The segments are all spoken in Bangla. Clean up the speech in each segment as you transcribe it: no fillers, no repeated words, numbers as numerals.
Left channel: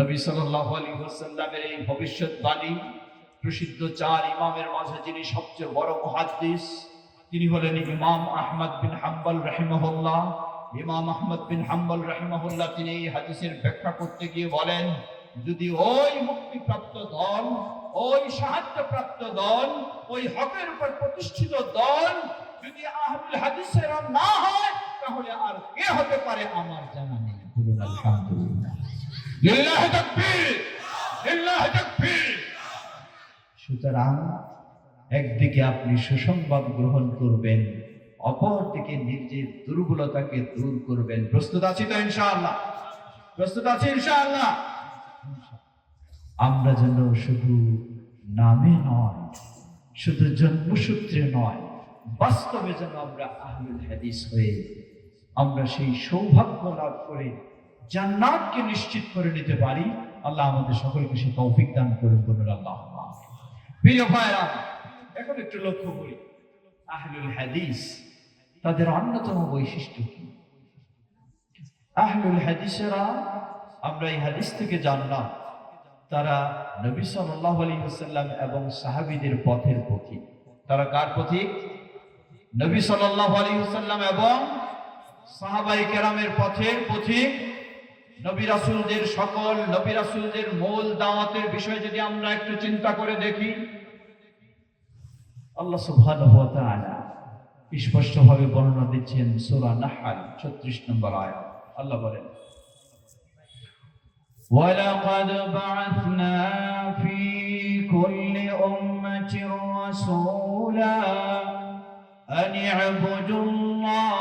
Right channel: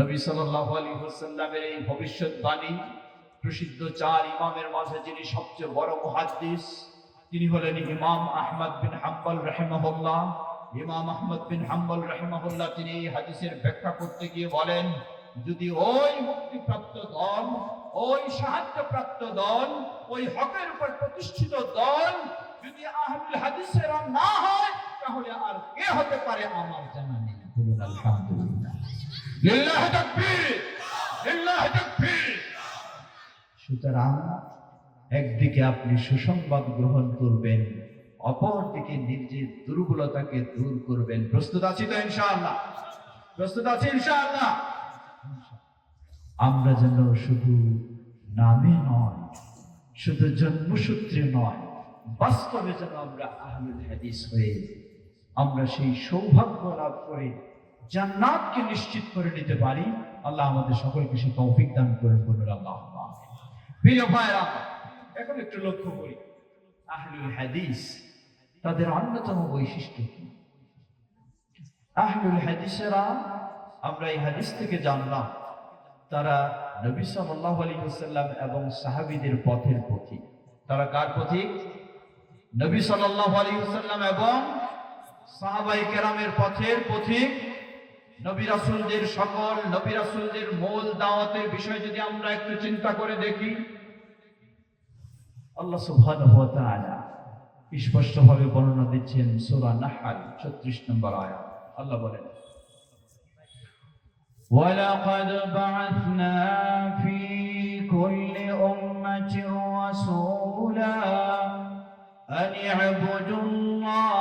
নবী সাল্লাল্লাহু আলাইহি ওয়াসাল্লামের এই ভবিষ্যৎবাণী প্রসিদ্ধ চার ইমামের মাঝে যিনি সবচেয়ে বড় মুহাদ্দিস, তিনি হলেন ইমাম আহমদ বিন হাম্বল রাহিমাহুল্লাহ। ইমাম আহমদ বিন হাম্বল রাহিমাহুল্লাহ তিনি এই হাদিসের ব্যাখ্যা করতে গিয়ে বলেন, যদি ওই মুক্তিপ্রাপ্ত দল, ওই সাহায্যপ্রাপ্ত দল, ওই হকের উপর প্রতিষ্ঠিত দল যদি আহলুল হাদিসের না হয়, তাহলে আর কে হতে পারে আমার জানা নেই। বলুন আলহামদুলিল্লাহ, লিল্লাহি তাকবীর, লিল্লাহি তাকবীর। সুতরাং একদিকে আপনি সুসংবাদ গ্রহণ করবেন, অপরদিকে নিজের দুর্বলতাকে দূর করবেন। প্রস্তুত আছি তো ইনশাআল্লাহ? প্রস্তুত আছি ইনশাআল্লাহ? আমরা যেন শুধু নামে নয়, শুধু জন্মসূত্রে নয়, বাস্তবে যেন আমরা আহলুল হাদিস হয়ে আমরা সেই সৌভাগ্য লাভ করে জান্নাতকে নিশ্চিত করে নিতে পারি। আল্লাহ আমাদের সকলকে সেই তৌফিক দান করেন। বলুন আল্লাহুম্মা আমিন। প্রিয় ভাইরা, এখন একটু লক্ষ্য করি আহলুল হাদিস তাদের অন্যতম বৈশিষ্ট্য কি। আহলুল হাদিসেরা, আমরা এই হাদিস থেকে জানলাম, তারা নবী সাল্লাল্লাহু আলাইহি ওয়াসাল্লাম এবং সাহাবীদের পথের পথিক। তারা কার পথিক? নবী সাল্লাল্লাহু আলাইহি ওয়াসাল্লাম এবং সাহাবায়ে কেরামের পথের পথিক। নবী রাসূলদের সকল নবী রাসূলদের মূল দাওয়াতের বিষয় যদি আমরা একটু চিন্তা করে দেখি, আল্লাহ সুবহানাহু ওয়া তাআলা স্পষ্টভাবে বর্ণনা দিচ্ছেন সূরা নাহল 36 নম্বর আয়াত। আল্লাহ বলেন, ওয়ালাকাদ বা'আথনা ফি কুল্লি উম্মাতিন রাসূলা আন ই'বুদুল্লাহ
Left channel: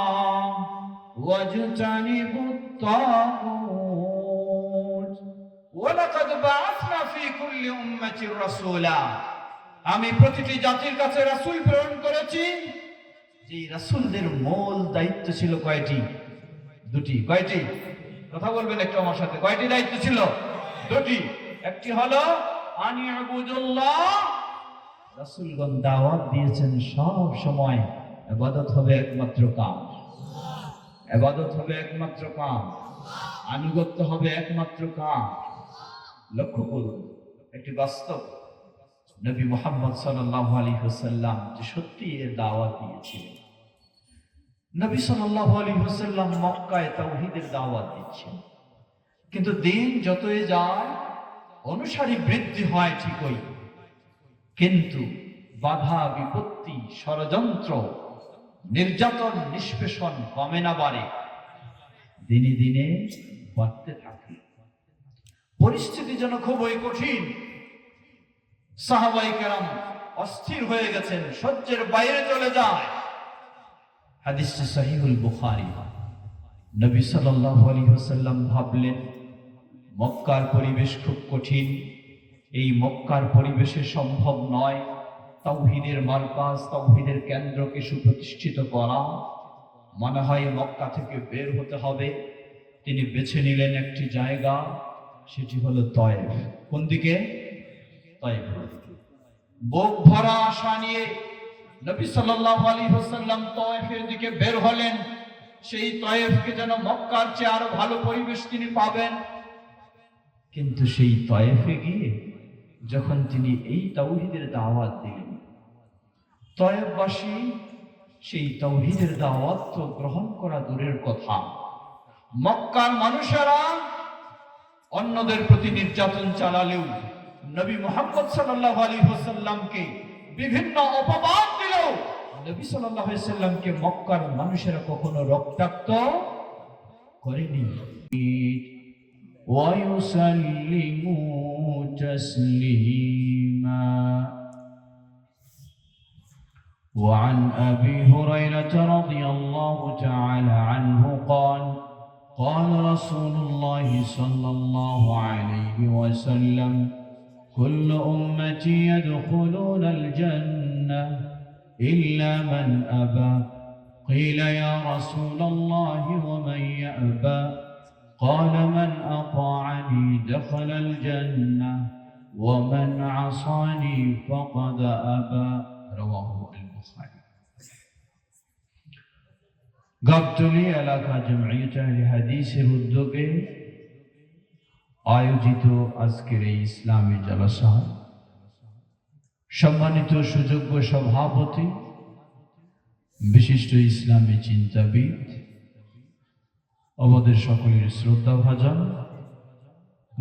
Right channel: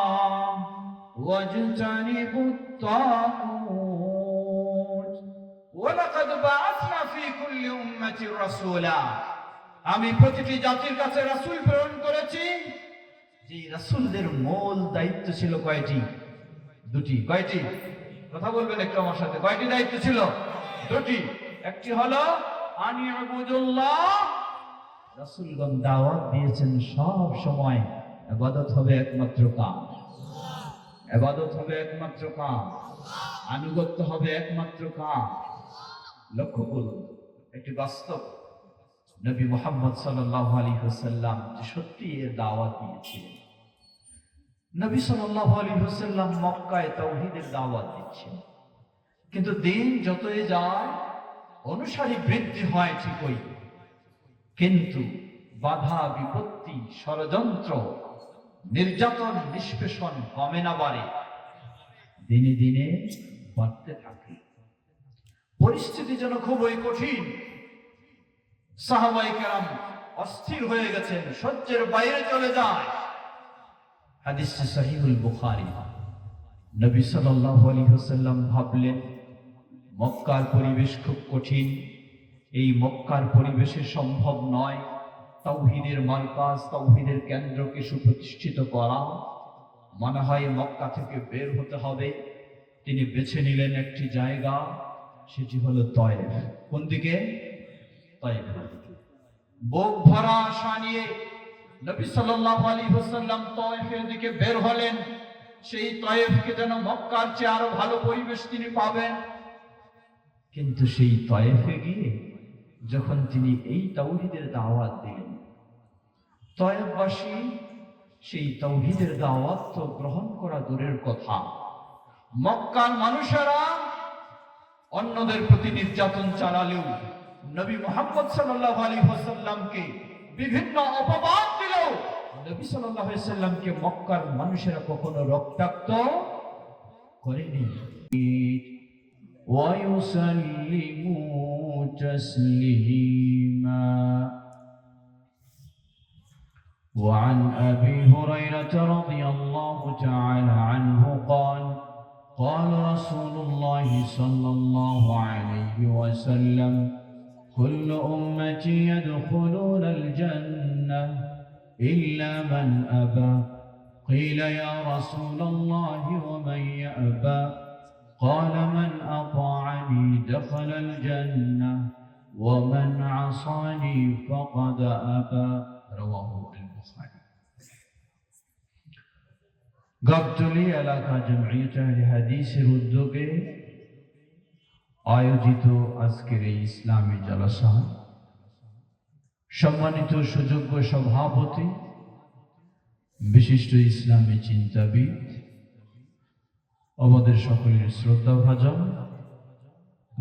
ওয়াজতানিবুত তাগুত। ওয়ালাকাদ বা'আথনা ফি কুল্লি উম্মাতিন রাসূলা, আমি প্রতিটি জাতির কাছে রাসূল প্রেরণ করেছি। যে রাসূলদের মূল দায়িত্ব ছিল কয়টি? দুটি। কয়টি? কথা বলবেন একটু আমার সাথে। কয়টি দায়িত্ব ছিল? দুটি। একটি হলো আন ই'বুদুল্লাহ, রাসূলগণ দাওয়াত দিয়েছেন সব সময় ইবাদত হবে একমাত্র কাম, ইবাদত হবে একমাত্র কাম, আনুগত্য হবে একমাত্র কাম। লক্ষ্য করুন একটি বাস্তব, নবী মুহাম্মদ সাল্লাল্লাহু আলাইহি ওয়াসাল্লাম যে সত্যি এর দাওয়াত দিয়েছিলেন। নবী সাল্লাল্লাহু আলাইহি ওয়াসাল্লাম মক্কায় তাওহীদের দাওয়াত দিচ্ছেন, কিন্তু দিন যতই যায় অনুসারী বৃদ্ধি হয় ঠিকই, কিন্তু বাধা বিপত্তি, ষড়যন্ত্র, নির্যাতন, নিষ্পেষণ কমে না, বাড়ে, দিনে দিনে বাড়তে থাকে। পরিস্থিতি যেন খুবই কঠিন। সাহাবায়ে কেরাম অস্থির হয়ে গেছেন, সহ্যের বাইরে চলে যায়। হাদিসটি সহিহুল বুখারী। নবী সাল্লাল্লাহু আলাইহি ওয়াসাল্লাম ভাবলেন, মক্কার পরিবেশ খুব কঠিন, এই মক্কার পরিবেশে সম্ভব নয় তাওহীদের মারকাজ, তাওহীদের কেন্দ্রকে সুপ্রতিষ্ঠিত করা। মনে হয় মক্কা থেকে বের হতে হবে। তিনি বেছে নিলেন একটি জায়গা, সেটি হলো তায়েফ। কোন দিকে? তায়েফ। বুক ভরা আশা নিয়ে নবী সাল্লাল্লাহু আলাইহি ওয়াসাল্লাম তায়েফের দিকে বের হলেন। সেই তায়েফকে যেন মক্কার চেয়ে আরো ভালো পরিবেশ তিনি পাবেন। কিন্তু সেই তায়েফে গিয়ে যখন তিনি এই তাওহীদের দাওয়াত দিলেন, তায়েফবাসী সেই তাওহীদের দাওয়াত তো গ্রহণ করা দূরের কথা, মক্কার মানুষেরা অন্যদের প্রতি নির্যাতন চালালেও, নবী মুহাম্মদ সাল্লাল্লাহু আলাইহি ওয়াসাল্লামকে বিভিন্ন অপবাদ দিলেও, নবী সাল্লাল্লাহু আলাইহি ওয়াসাল্লামকে মক্কার মানুষেরা কখনো রক্তাক্ত করেনি। ওয়া ইউসাল্লিমু তাসলিমা। وعن أبي هريرة رضي الله تعالى عنه قال قال رسول الله صلى الله عليه وسلم كل أمتي يدخلون الجنة إلا من أبى قيل يا رسول الله ومن يأبى قال من أطاعني دخل الجنة ومن عصاني فقد أبى رواه البخاري। গাবতলী এলাকা জমিয়ত আহলে হাদিসের উদ্যোগে আয়োজিত আজকের এই ইসলামী জলসা, সম্মানিত সুযোগ্য সভাপতি, বিশিষ্ট ইসলামী চিন্তাবিদ, আমাদের সকলের শ্রদ্ধাভাজন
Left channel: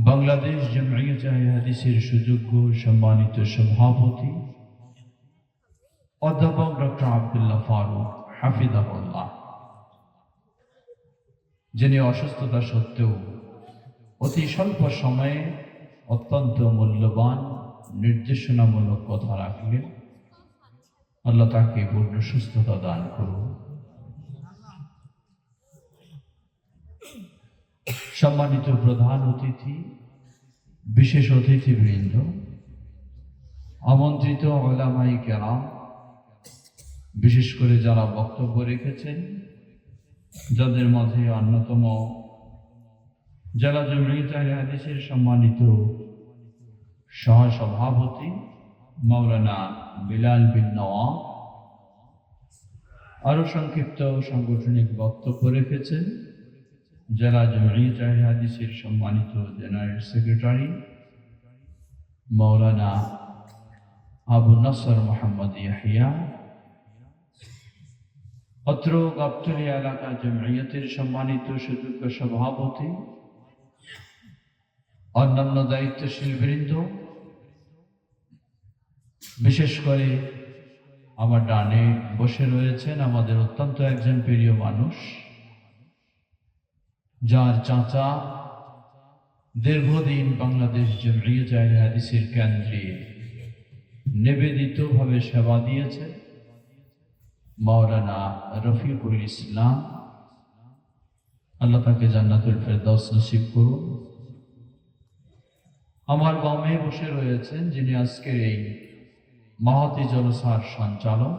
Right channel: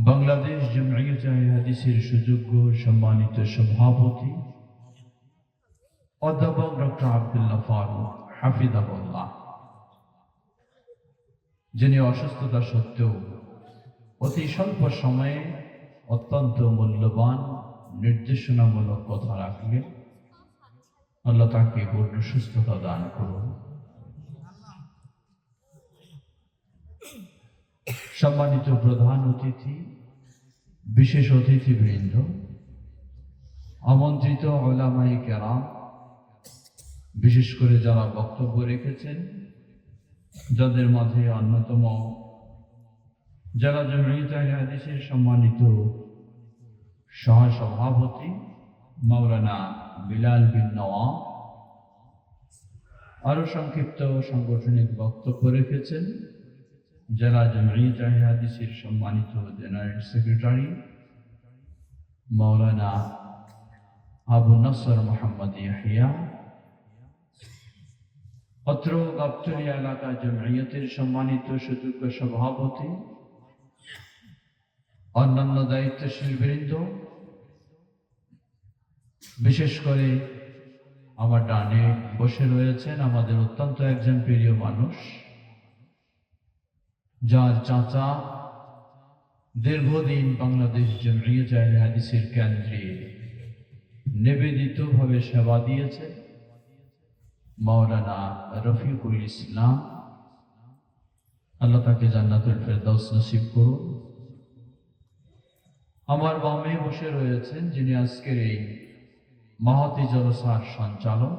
বাংলাদেশ জামিয়াতে হাদিসের সুযোগ্য সম্মানিত সভাপতি অধ্যাপক ডক্টর আব্দুল্লাহ ফারুক হাফিজাহুল্লাহ, যিনি অসুস্থতা সত্ত্বেও অতি স্বল্প সময়ে অত্যন্ত মূল্যবান নির্দেশনামূলক কথা রাখলেন। আল্লাহ তাকে পূর্ণ সুস্থতা দান করুন। সম্মানিত প্রধান অতিথি, বিশেষ অতিথিবৃন্দ, আমন্ত্রিত উলামায়ে কেরাম, বিশেষ করে যারা বক্তব্য রেখেছেন, যাদের মাঝে অন্যতম জেলা জামিয়াতে হাদিসের সম্মানিত সহসভাপতি মাওলানা বিলাল বিন নওয়াব, আরো সংক্ষিপ্ত সাংগঠনিক বক্তব্য রেখেছেন জেলা জামিয়াতে হাদিসের সম্মানিত জেনারেল সেক্রেটারি মাওলানা আবু নসর মোহাম্মদ ইয়াহিয়া, অত্র গাবতলী এলাকা জামিয়াতের সম্মানিত সুযোগ্য সভাপতি, অন্যান্য দায়িত্বশীল বৃন্দ, বিশেষ করে আমার ডানে বসে রয়েছেন আমাদের অত্যন্ত একজন প্রিয় মানুষ, যার চাচা দীর্ঘদিন বাংলাদেশ জামিয়াতে হাদিসের কেন্দ্রে নিবেদিতভাবে সেবা দিয়েছে, মাওলানা রফিকুল ইসলাম। আল্লাহ তাকে জান্নাতুল ফেরদাউস নসিব করুন। আমার বামে বসে রয়েছেন যিনি আজকের এই মহতি জলসার সঞ্চালক,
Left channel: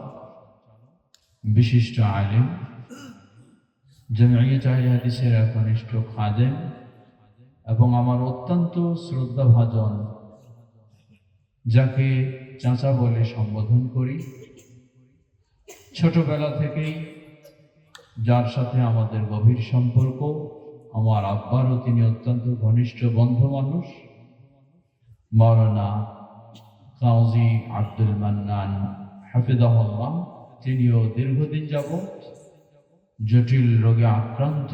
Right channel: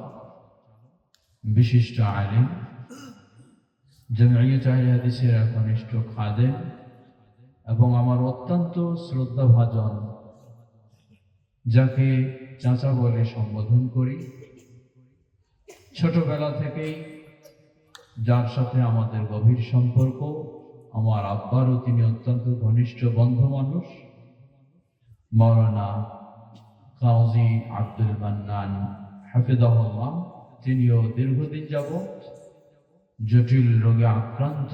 বিশিষ্ট আলেম, জামিয়াতে হাদিসের একনিষ্ঠ খাদেম এবং আমার অত্যন্ত শ্রদ্ধাভাজন, যাকে চাচা বলে সম্বোধন করি, ছোটবেলা থেকেই যার সাথে আমাদের গভীর সম্পর্ক, আমার আব্বারও তিনি অত্যন্ত ঘনিষ্ঠ বন্ধু মানুষ, মাওলানা কাজী আব্দুল মান্নান হাফিজাহুল্লাহ। তিনিও দীর্ঘদিন যাবৎ জটিল রোগে আক্রান্ত,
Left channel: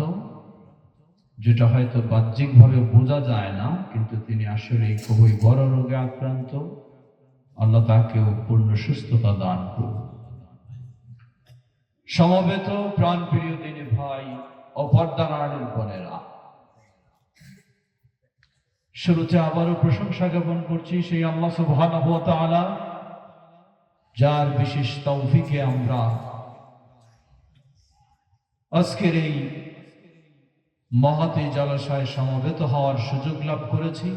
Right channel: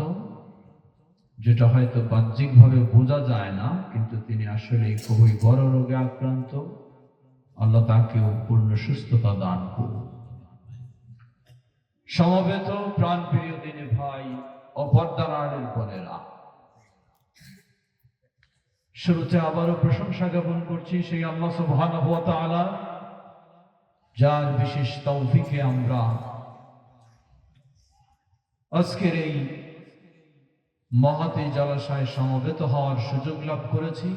যেটা হয়তো বাহ্যিকভাবে বোঝা যায় না, কিন্তু তিনি আসলে খুবই বড় রোগে আক্রান্ত। আল্লাহ তাকেও পূর্ণ সুস্থতা দান করুন। সমবেত প্রাণপ্রিয় দিনী ভাই ও পর্দার আড়ের বোনেরা, শুরুতে আবারও প্রশংসা জ্ঞাপন করছি সেই আল্লাহ সুবহানাহু ওয়া তাআলা, যার বিশেষ তৌফিকে আমরা আজকের এই মহতি জলসায় সমবেত হওয়ার সুযোগ লাভ করেছি।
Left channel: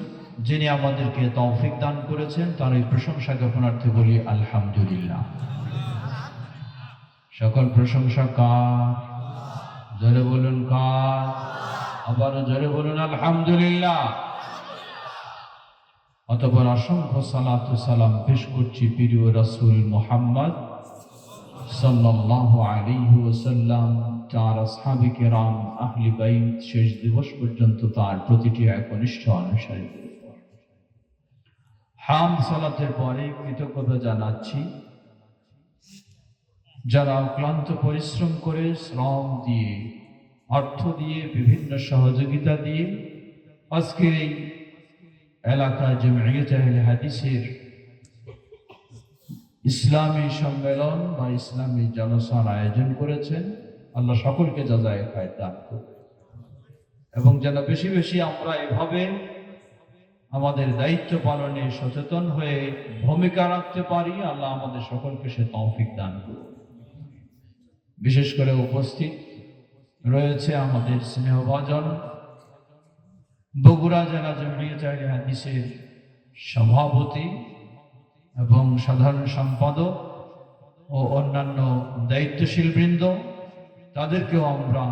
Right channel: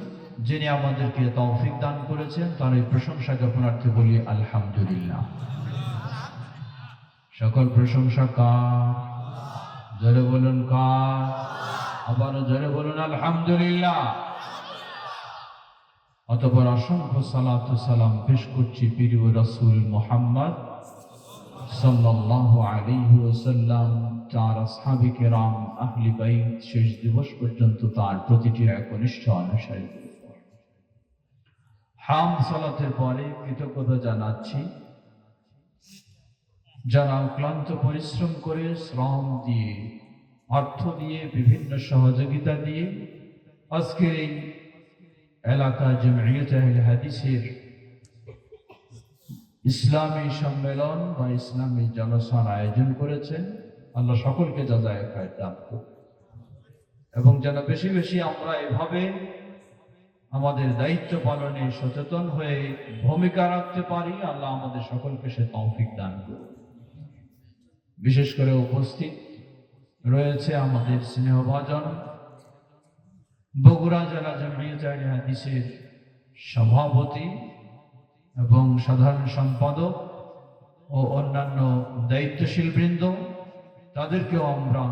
যিনি আমাদেরকে তৌফিক দান করেছেন, তার এই প্রশংসা জ্ঞাপনার্থে বলি আলহামদুলিল্লাহ। সকল প্রশংসা কার? জোরে বলুন কার? আবারও জোরে বলুন আলহামদুলিল্লাহ। অতঃপর অসংখ্য সালাত ও সালাম পেশ করছি প্রিয় রাসূল মুহাম্মদ সাল্লাল্লাহু আলাইহি ওয়াসাল্লাম, তার আসহাবে কেরাম, আহলে বাইত, শেষ দিবস পর্যন্ত তার প্রতিটি একনিষ্ঠ অনুসারীদের উপর। হামদ সালাতের পরে কৃতজ্ঞতা জানাচ্ছি যারা অক্লান্ত পরিশ্রম করে, শ্রম দিয়ে, অর্থ দিয়ে, বিভিন্ন সহযোগিতা দিয়ে আজকে এই এলাকা জামিয়াতে হাদিসের ইসলামী সম্মেলন বা ইসলামী জলসার আয়োজন করেছেন। আল্লাহ সকলকে জাযায়ে খায়র দান করুন এবং যেন বেশি বেশি আমরা এভাবে আমাদের দায়িত্ব পালনে সচেতন হয়ে ভূমিকা রাখতে পারি। আল্লাহ আমাদের সকলকে সে তৌফিক দান করুন। বিশেষ করে উপস্থিত রয়েছে আমাদের স্নেহভাজন বগুড়া জেলা জামিয়াতে হাদিসের সভাপতি এবং সাধারণ সম্পাদক ও অন্যান্য দায়িত্বশীল বৃন্দ, তাদেরকেও আমরা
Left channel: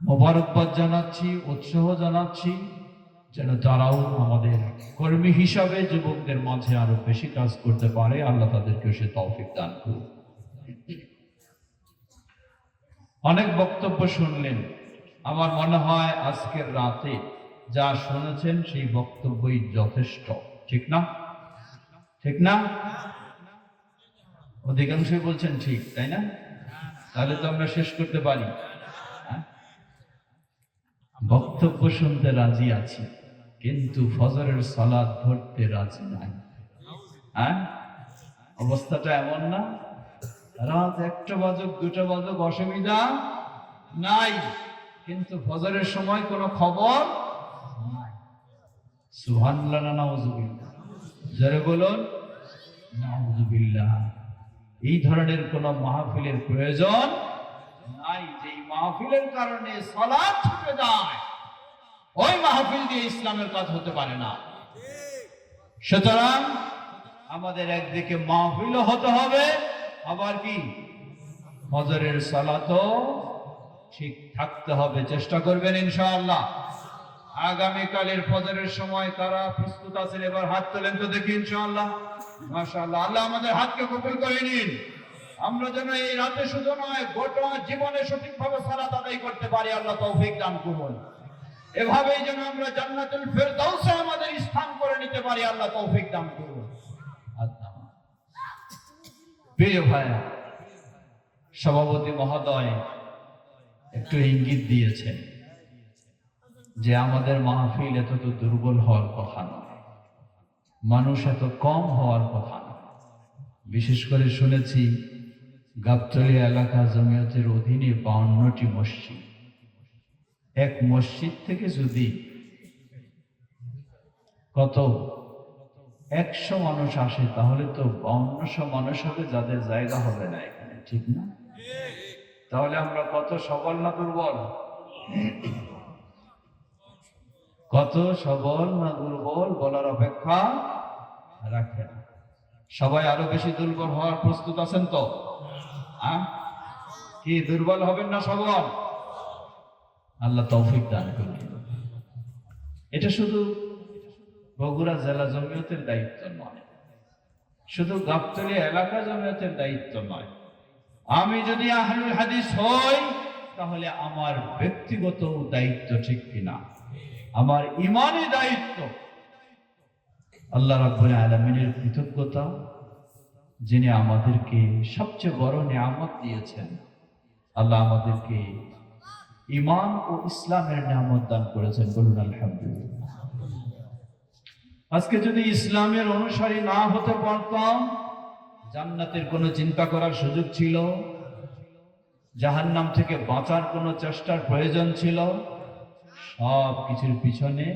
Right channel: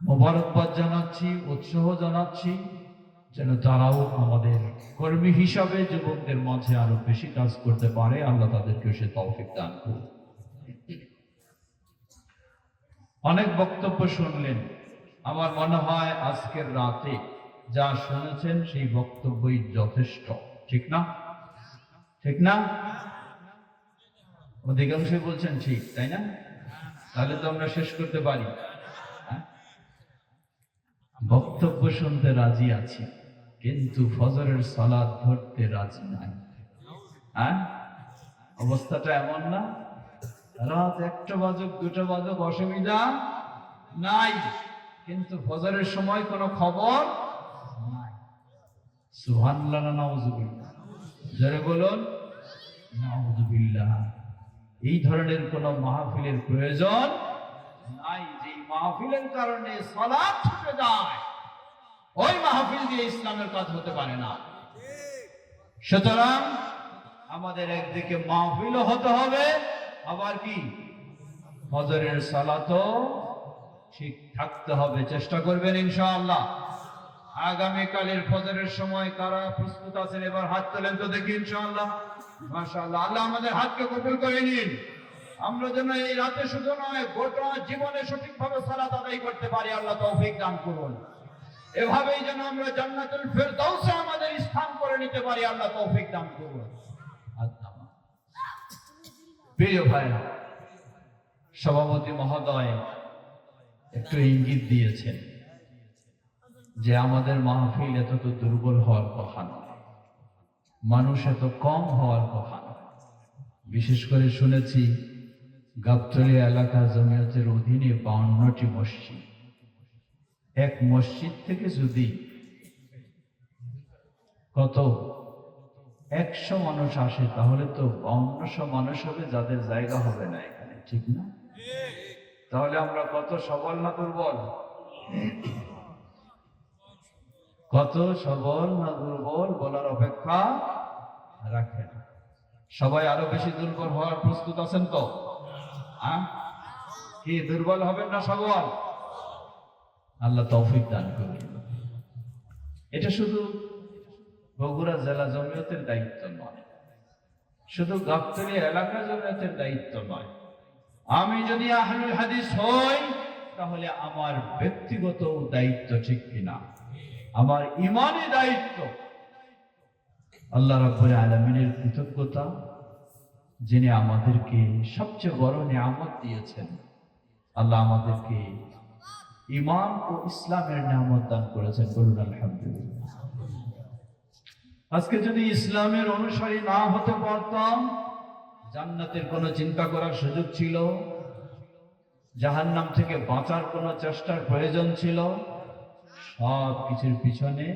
মোবারকবাদ জানাচ্ছি, উৎসাহ জানাচ্ছি, যেন তারাও আমাদের কর্মী হিসাবে যুবকদের মাঝে আরো বেশি কাজ করতে পারে। আল্লাহ তাদেরকে সে তৌফিক দান করুন। অনেক বক্তব্য শুনলেন। আমার মনে হয় আজকের রাতে যা শুনেছেন সেই বক্তব্যই যথেষ্ট, ঠিক না? ঠিক না? অধিকাংশই বলছেন ঠিক, তাই না? তাহলে তো আমরা শেষ করতে পারি। বক্তব্য শুনতে রাজি আছি, কিন্তু ফজরের সালাত ধরতে রাজি নাই। অবস্থাটা এমন না? রাত 1টা বাজুক 2টা বাজুক অসুবিধা নাই, কিন্তু ফজরের সময় কোনো খবর নাই। সুবহানাল্লাহ না নাউযুবিল্লাহ? জোরে বলুন নাউযুবিল্লাহ। এই ধরনের কোন মাহফিলের প্রয়োজন নাই। যে মাহফিলের কারণে সালাত ছুটে যায়, ওই মাহফিল দিয়ে ইসলামের কাজ হতে পারে না। সুতরাং আমাদের একদিকে মাহফিলও হতে হবে, আবার কি ফজরের সালাতও ঠিক থাকতে হবে। চেষ্টা করবেন ইনশাআল্লাহ। আগামীকালের ফজরের সময় কারা প্রস্তুত আছেন? এবার হাত তোলেন তো দেখি ইনশাআল্লাহ। মাশাআল্লাহ, আল্লাহ আমাদের হাতকে কবুল করে নিন। আমরা যেন এই রাতে শুধু নয়, গোটা জীবনে সঠিকভাবে সালাত আদায় করতে পারি, আল্লাহ তৌফিক দান করুন। এভাবেই যেন আমরা জান্নাতুল ফেরদাউসে আমাদের স্থান করে নিতে পারি, আল্লাহ তৌফিক দান করুন। প্রিয় ভাই, সভাপতি মহোদয় একটু ইঙ্গিত দিয়েছেন যে আমাদের মাহফিল এত তো দুর্বল হওয়ার কথা নয়, মানুষ এত কম হওয়ার কথা নয়। বিশেষ করে শুনেছি গাবতলী এলাকা জমিয়তের অধীনে 52টি মসজিদ। এক মসজিদ থেকে যদি কত 100 মানুষ আসে, তাহলে তো 5200 মানুষ হবে, যাদের জায়গা হবে না এখানে, ঠিক না? তাহলে আমরা কত সবল না দুর্বল? কত সবল না দুর্বল বলার অপেক্ষা রাখেন। সবাই আরো বেশি দুর্বল হওয়ার প্রস্তুত আছেন তো? কি দুর্বল হবেন না সবল? আল্লাহ তৌফিক দান করুন। এটা শুধু বগুড়া জেলা জমিয়তের দায়িত্ব নয়, শুধু গাবতলী এলাকা জমিয়তের দায়িত্ব নয়। আমি যদি আহলুল হাদিস হই, তাহলে আমার ব্যক্তিগত দায়িত্ব, ঠিক কিনা? আমার ঈমানি দায়িত্ব। আল্লাহ রাব্বুল আলামিনের কৃতজ্ঞতা, যিনি আমাদেরকে সবচেয়ে বড় নিয়ামত দিয়েছেন। আল্লাহ আমাদেরকে ঈমান ও ইসলামের নিয়ামত দান করেছেন, বলুন আলহামদুলিল্লাহ। আজকে যদি ইসলামের অনুসারী না হতে পারতাম, জান্নাতের কোনো চিন্তা করার সুযোগ ছিল, জাহান্নাম থেকে বাঁচার কোনো চেষ্টার প্রয়োজন ছিল, সব কিছুর পিছনে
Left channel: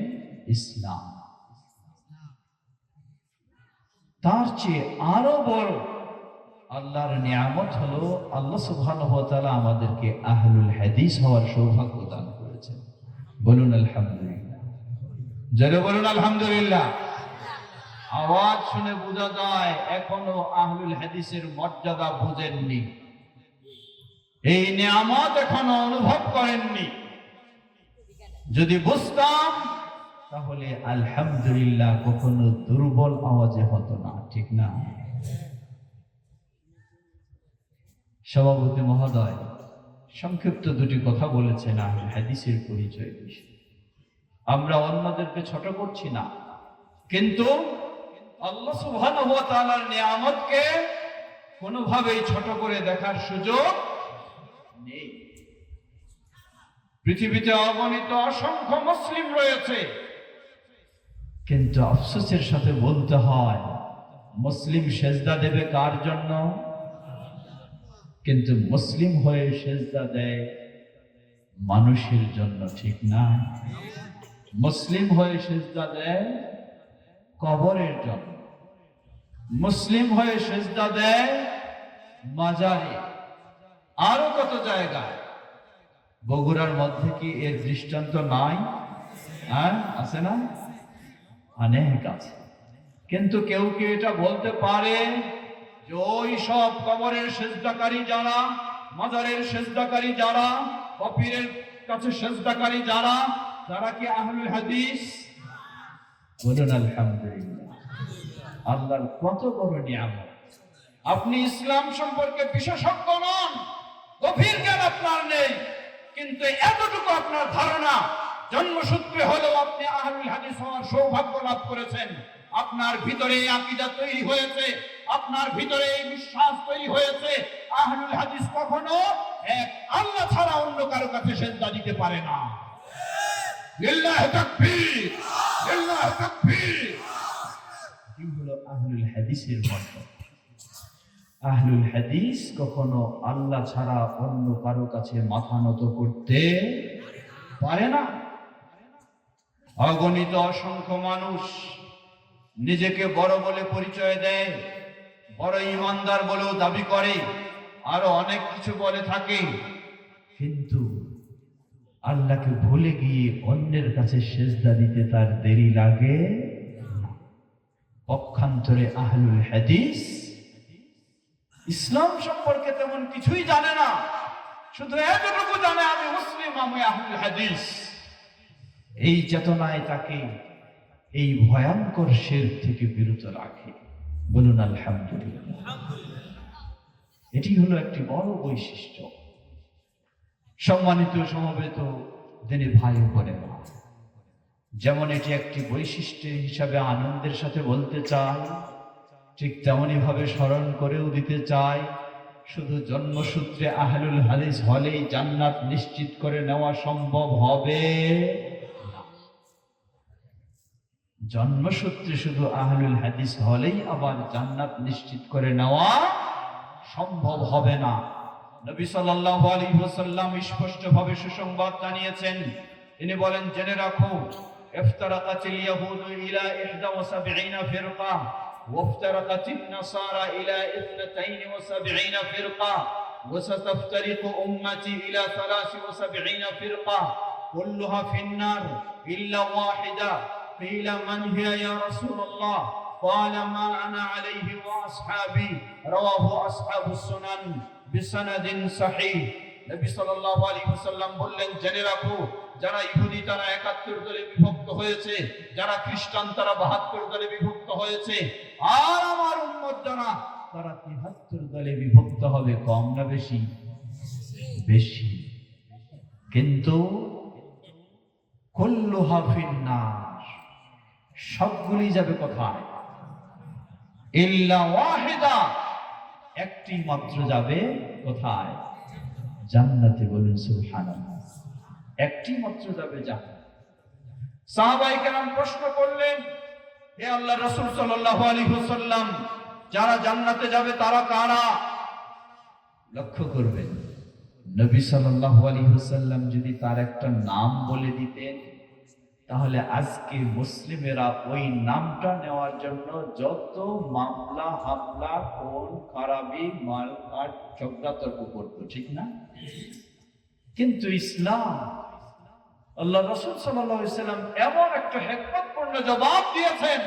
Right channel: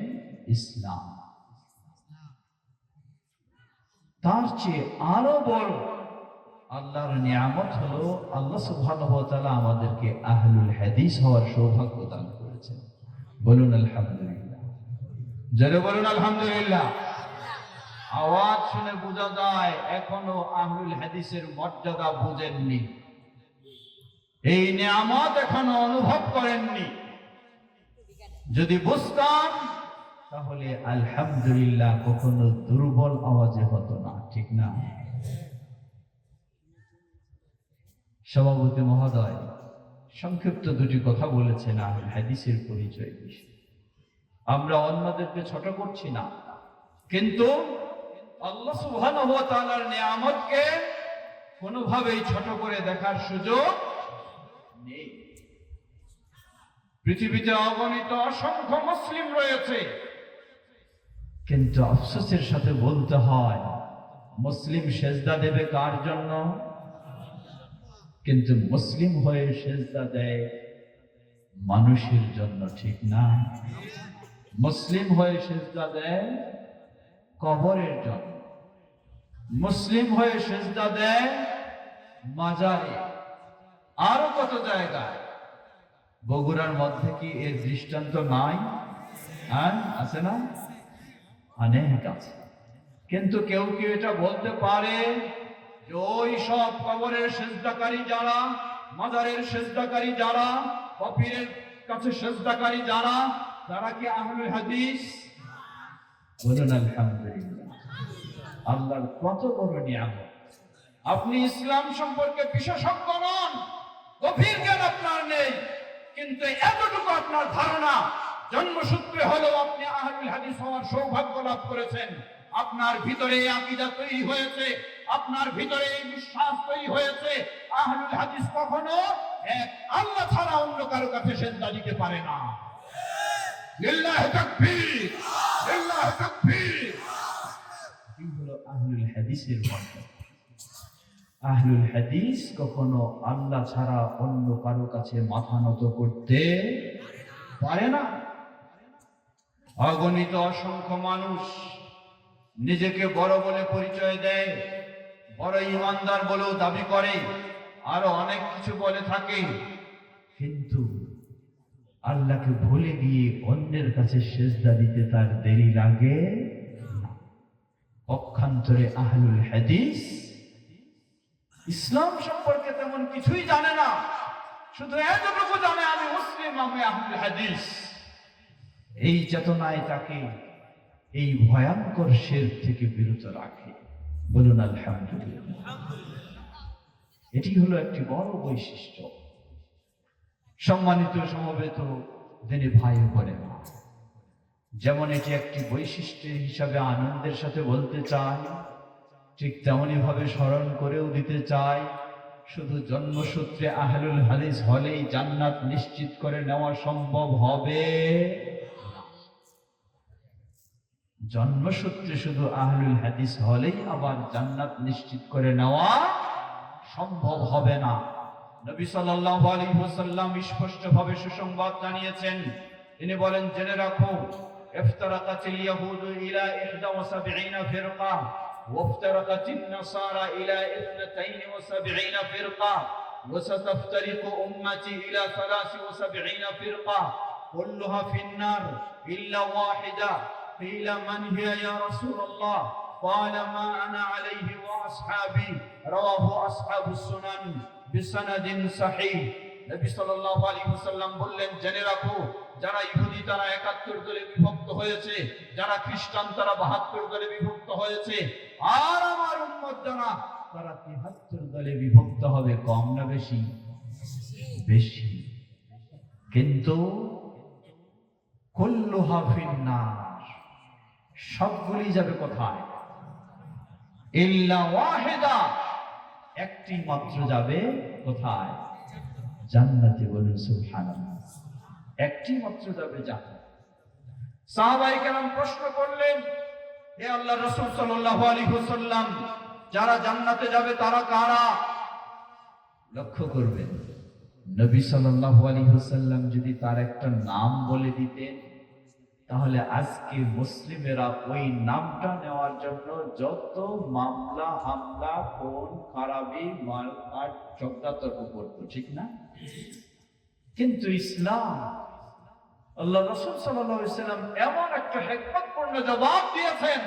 ইসলাম। তার চেয়ে আরো বড় আল্লাহর নিয়ামত হলো আল্লাহ সুবহানাহু ওয়া তাআলা আমাদেরকে আহলুল হাদিস হওয়ার সৌভাগ্য দান করেছেন, বলুন আলহামদুলিল্লাহ। জোরে বলুন আলহামদুলিল্লাহ। আওয়াজ শুনে বোঝা যায় এখনো আহলুল হাদিসের মর্যাদা বুঝেননি, এই নিয়ামত এখনো অনুভব করেননি। যদি বুঝতাম তাহলে আলহামদুলিল্লাহ কখনো দুর্বল আওয়াজে হতো না, ঠিক না? সভাপতি মহোদয় সংক্ষিপ্ত দুটি কথা বলেছেন আহলুল হাদিসের পরিচয় বিষয়ে। আমরা অন্যদেরকে ছোট করছি না, কিন্তু আল্লাহ সুবহানাহু ওয়া তাআলার নিয়ামতকে কোনোভাবেই ছোট করে দেখার সুযোগ নেই। পৃথিবীতে অগণিত অসংখ্য মুসলিম রয়েছে, কিন্তু আফসোসের সাথে বলতে হয় মুসলিম সেজদা দেবে কার জন্য? কিন্তু মুসলিম হয়ে সেজদা দেয় মানুষের জন্য, ঠিক না? মুসলিম হয়ে সেজদা দেয় কবরের জন্য, মুসলিম হয়ে সেজদা দেয় মাজারে, আরো কত জায়গায়। বগুড়ার মধ্যে কি এর দৃষ্টান্ত নাই? আছে না? অনেক আছে। কিন্তু কেউ কি এটা বলতে পারে যে ওই সব কবরের সেজদাকারী যারা, মাজারের সেজদাকারী যারা, পীরের কাছে সেজদাকারী যারা, তারা কি আহলুল হাদিস? বলুন আলহামদুলিল্লাহ। আল্লাহর কত বড় নিয়ামত। আপনি ইসলাম সম্পর্কে বিশেষজ্ঞ নন, গভীর জ্ঞান আপনার নেই, কিন্তু এতটুকু আপনার ধারণা জন্মসূত্রে হলো আপনি আহলুল হাদিস হওয়ার সৌভাগ্য লাভ করেছেন, আপনার ভিতরে আকীদা তৈরি হয়েছে, আপনার ভিতরে বিশ্বাস তৈরি হয়েছে। আহলুল হাদিস কখনো এক আল্লাহ ছাড়া অন্য কারো কাছে সেজদা দিতে পারে না। লিল্লাহি তাকবীর, লিল্লাহি তাকবীর। এই হলো আহলুল হাদিসের বরকত। আহলুল হাদিস কখনো আল্লাহ ছাড়া অন্য কারো কাছে মাথা নত করতে পারে না। অগণিত অসংখ্য মানুষ নিজেকে বড় বলে পরিচয় দেয়, বড় ইমানদার বলেও দাবি করে, আরো অনেক কিছু বলে থাকে, কিন্তু আল্লাহকে ভুলে গিয়ে অন্যের কাছে সেজদা দিতে তার দেরি লাগে না। পক্ষান্তরে আহলুল হাদিস ইসলাম সম্পর্কে তেমন কিছুই জানে না, শুধু এতটুকু জানে আমি মুসলিম, আমি আহলুল হাদিস। এই চেতনায় তাকে এই ভয়ঙ্কর শিরক থেকে বিরত রাখে। বলুন আলহামদুলিল্লাহ। এটি হলো একটি বড় বৈশিষ্ট্য। সম্মানিত সমবেত দিনী ভাই বোনেরা, যেমন এটি একটি বৈশিষ্ট্য হিসাবে আনন্দের সাথে বলতে চাই, ঠিক তেমনি ভাবে স্মরণ করেও দিতে চাই, শুধু জন্মসূত্রে আহলুল হাদিস হলেই জান্নাত নিশ্চিত করে নেওয়া সম্ভব হবে। জন্মসূত্রে শুধু আহলুল হাদিস হলেই আবার জান্নাত নিশ্চিত করে নেওয়া সম্ভব হবে না। নবী সাল্লাল্লাহু আলাইহি ওয়াসাল্লাম স্পষ্টভাবে সুসংবাদ জানিয়েছেন। তিনি বলেন, জেনে রাখো, ইফতারাকাতিল ইয়াহুদু ইলা 71 ফিরকা ওয়াফতারাকাতিন নাসারা ইলা 72 ফিরকা ওয়াসাতাফতারিকু উম্মতি ইলা 73 ফিরকা কুল্লুহা ফিন-নার ইল্লা ওয়াহিদা। قيل من هي يا رسول الله؟ قال ما أنا عليه وأصحابي رواه أصحاب السنن بسند صحيح। নবী সাল্লাল্লাহু আলাইহি ওয়াসাল্লাম বললেন, জেনে রাখো, যারা ইহুদি তারা 71 দলে বিভক্ত হয়েছে, যারা খ্রিস্টান তারা 72 দলে বিভক্ত হয়েছে, আর আমার উম্মত যারা তারা 73 দলে বিভক্ত হবে। কম না বেশি? বেশি। কিন্তু কুল্লুহা ফিন-নার, সবগুলি যাবে কোথায়? ইল্লা ওয়াহিদা, একটি মাত্র যাবে কোথায়? জান্নাতে। বলুন সুবহানাল্লাহ। একটি মাত্র যাবে জান্নাত। সাহাবায়ে কেরাম প্রশ্ন করলেন, হে আল্লাহর রাসূল সাল্লাল্লাহু আলাইহি ওয়াসাল্লাম, যারা জান্নাতে যাবে তারা কারা? লক্ষ্য করবেন, নবী সাল্লাল্লাহু আলাইহি ওয়াসাল্লাম যদি তার একটা নাম বলে দিতেন, তাহলে আজকে মুসলিমেরা ওই নামটা নেওয়ার জন্য যত মামলা, হামলা, খুন, খারাপি, মারকাট, ঝগড়াতর্ক করত, ঠিক না? কিন্তু ইসলাম, আল্লাহ রাসূল সাল্লাল্লাহু আলাইহি ওয়াসাল্লাম এমন একটা হিকমতপূর্ণ জবাব দিয়েছেন।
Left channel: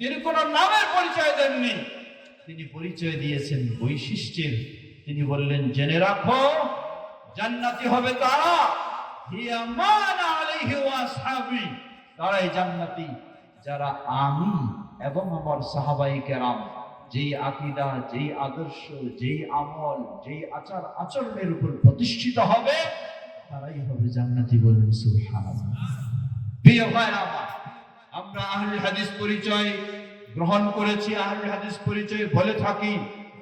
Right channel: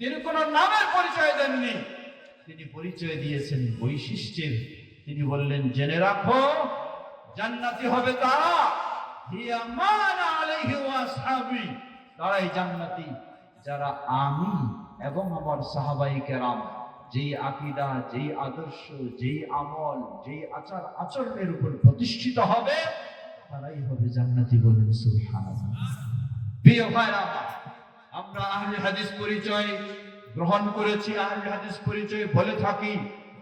তিনি কোন নামের পরিচয় দেননি, তিনি পরিচয় দিয়েছেন বৈশিষ্ট্যের। তিনি বললেন, জেনে রাখো, জান্নাতি হবে তারা, হিয়া মা আনা আলাইহি ওয়া আসহাবি, তারাই জান্নাতি যারা আমি এবং আমার সাহাবায়ে কেরাম যেই আকীদা, যেই আদর্শ, যেই আমল, যেই আচার আচরণের উপর প্রতিষ্ঠিত হবে, তারাই হবে জান্নাতি। বলুন সুবহানাল্লাহ। প্রিয় ভাইরা, আমরা আহলে হাদিস পরিচয় গ্রহণ করেছি, আহলে হাদিস পরিচয় বলে থাকি,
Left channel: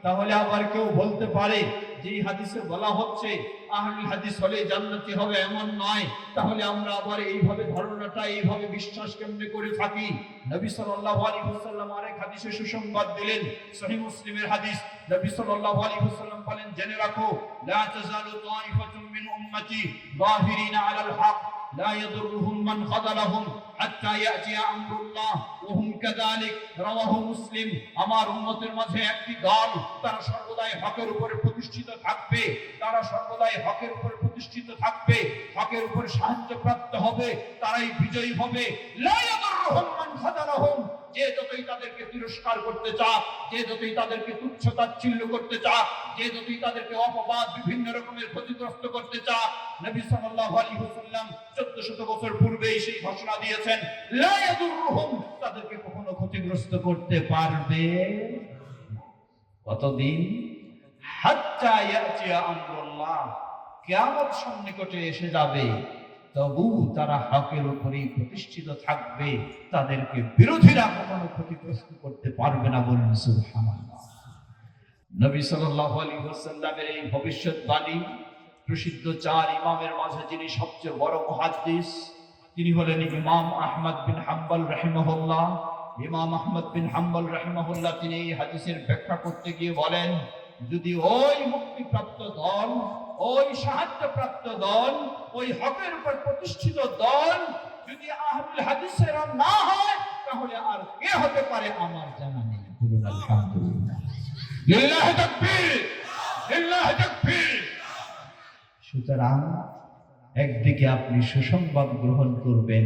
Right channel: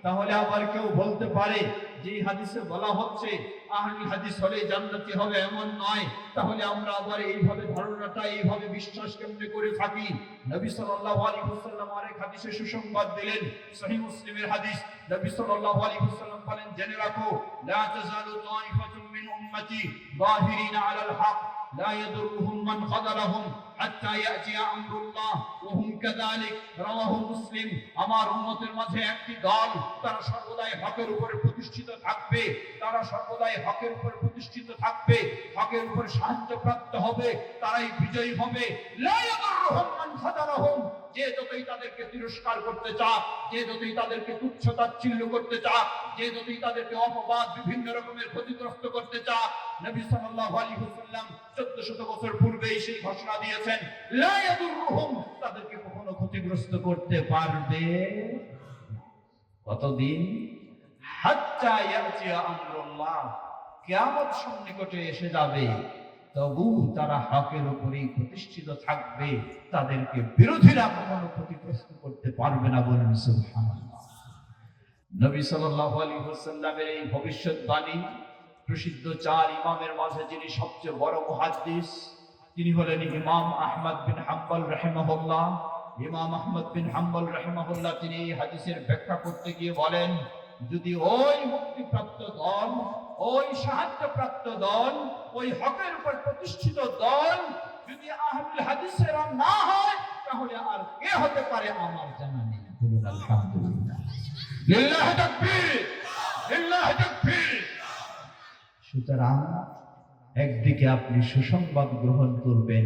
তাহলে আবার কেউ বলতে পারে যে হাদিসে বলা হচ্ছে আহলে হাদিস হলে জান্নাতি হবে, এমন নয়। তাহলে আমরা আবার এইভাবে ধারণাটা, এইভাবে বিশ্বাস কেমনে করে থাকি? নবী সাল্লাল্লাহু আলাইহি ওয়াসাল্লাম আরেক হাদিসে সুসংবাদ দিলেন, সহিহ মুসলিমের হাদিস। নবী সাল্লাল্লাহু আলাইহি ওয়াসাল্লাম বলেন, জেনে রাখো, লা তাযালু তাইফাতুম মিন উম্মতি যাহিরিনা আলাল হক লা ইয়াদুররুহুম মান খাযালাহুম হাত্তা ইয়াতি আমরুল্লাহ ওয়া হুম কাযালিক, রাওয়াহু মুসলিম। আমার উম্মতের মাঝে একটি দল, তারা সর্বদাই হকের উপরে প্রতিষ্ঠিত থাকবে, তারা সর্বদাই হকের উপর প্রতিষ্ঠিত থাকবে, হকের উপর সাহায্য প্রাপ্ত হবে, তারাই বিজয়ী হবে। লা ইয়াদুররুহুম মান খাযালাহুম, যে যতই তাদেরকে তিরস্কার করতে চায়, যে যতই তাদেরকে তুচ্ছ তাচ্ছিল্য করতে চায়, যে যতই তাদেরকে অপবাদ, বিভিন্ন রকমের ক্ষতিগ্রস্ত করতে চায়, নবী সাল্লাল্লাহু আলাইহি ওয়াসাল্লাম 1400 বছর পূর্বেই সেই ঘোষণা দিয়েছেন, লা ইয়াদুররুহুম, তাদেরকে কখনো ক্ষতিগ্রস্ত করতে পারবে কতদিন? হাত্তা ইয়াতিয়া আমরুল্লাহ, কিয়ামত সন্নিকটে এসে যাবে, তবু তারা হকের উপরেই প্রতিষ্ঠিত থাকবে, তাদেরকে বিরোধীরা কখনো ক্ষতিগ্রস্ত করতে পারবে না। বলেন সুবহানাল্লাহ। নবী সাল্লাল্লাহু আলাইহি ওয়াসাল্লামের এই ভবিষ্যৎবাণী প্রসিদ্ধ চার ইমামের মাঝে যিনি সবচেয়ে বড় মুহাদ্দিস, তিনি হলেন ইমাম আহমদ বিন হাম্বল রাহিমাহুল্লাহ। ইমাম আহমদ বিন হাম্বল রাহিমাহুল্লাহ তিনি এই হাদিসের ব্যাখ্যা করতে গিয়ে বলেন, যদি ওই মুক্তিপ্রাপ্ত দল, ওই সাহায্যপ্রাপ্ত দল, ওই হকের উপর প্রতিষ্ঠিত দল যদি আহলুল হাদিসের না হয়, তাহলে আর কে হতে পারে আমার জানা নেই। বলুন আলহামদুলিল্লাহ, লিল্লাহি তাকবীর, লিল্লাহি তাকবীর। সুতরাং একদিকে আপনি সুসংবাদ গ্রহণ করবেন,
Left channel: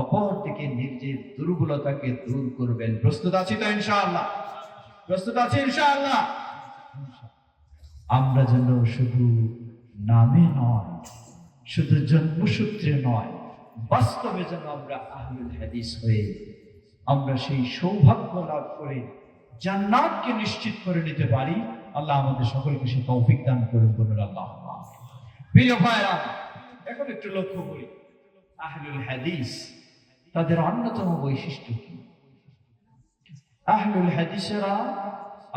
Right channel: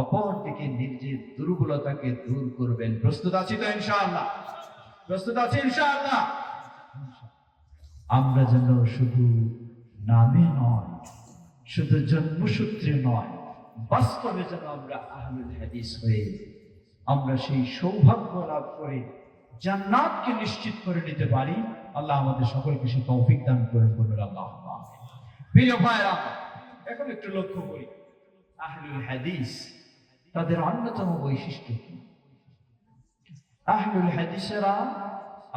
অপরদিকে নিজের দুর্বলতাকে দূর করবেন। প্রস্তুত আছি তো ইনশাআল্লাহ? প্রস্তুত আছি ইনশাআল্লাহ? আমরা যেন শুধু নামে নয়, শুধু জন্মসূত্রে নয়, বাস্তবে যেন আমরা আহলুল হাদিস হয়ে আমরা সেই সৌভাগ্য লাভ করে জান্নাতকে নিশ্চিত করে নিতে পারি। আল্লাহ আমাদের সকলকে সে তৌফিক দান করুন। বলুন আল্লাহুম্মা আমিন। প্রিয় ভাইরা, এখন একটু লক্ষ্য করি আহলুল হাদিস তাদের অন্যতম বৈশিষ্ট্য কি। আহলুল হাদিসেরা,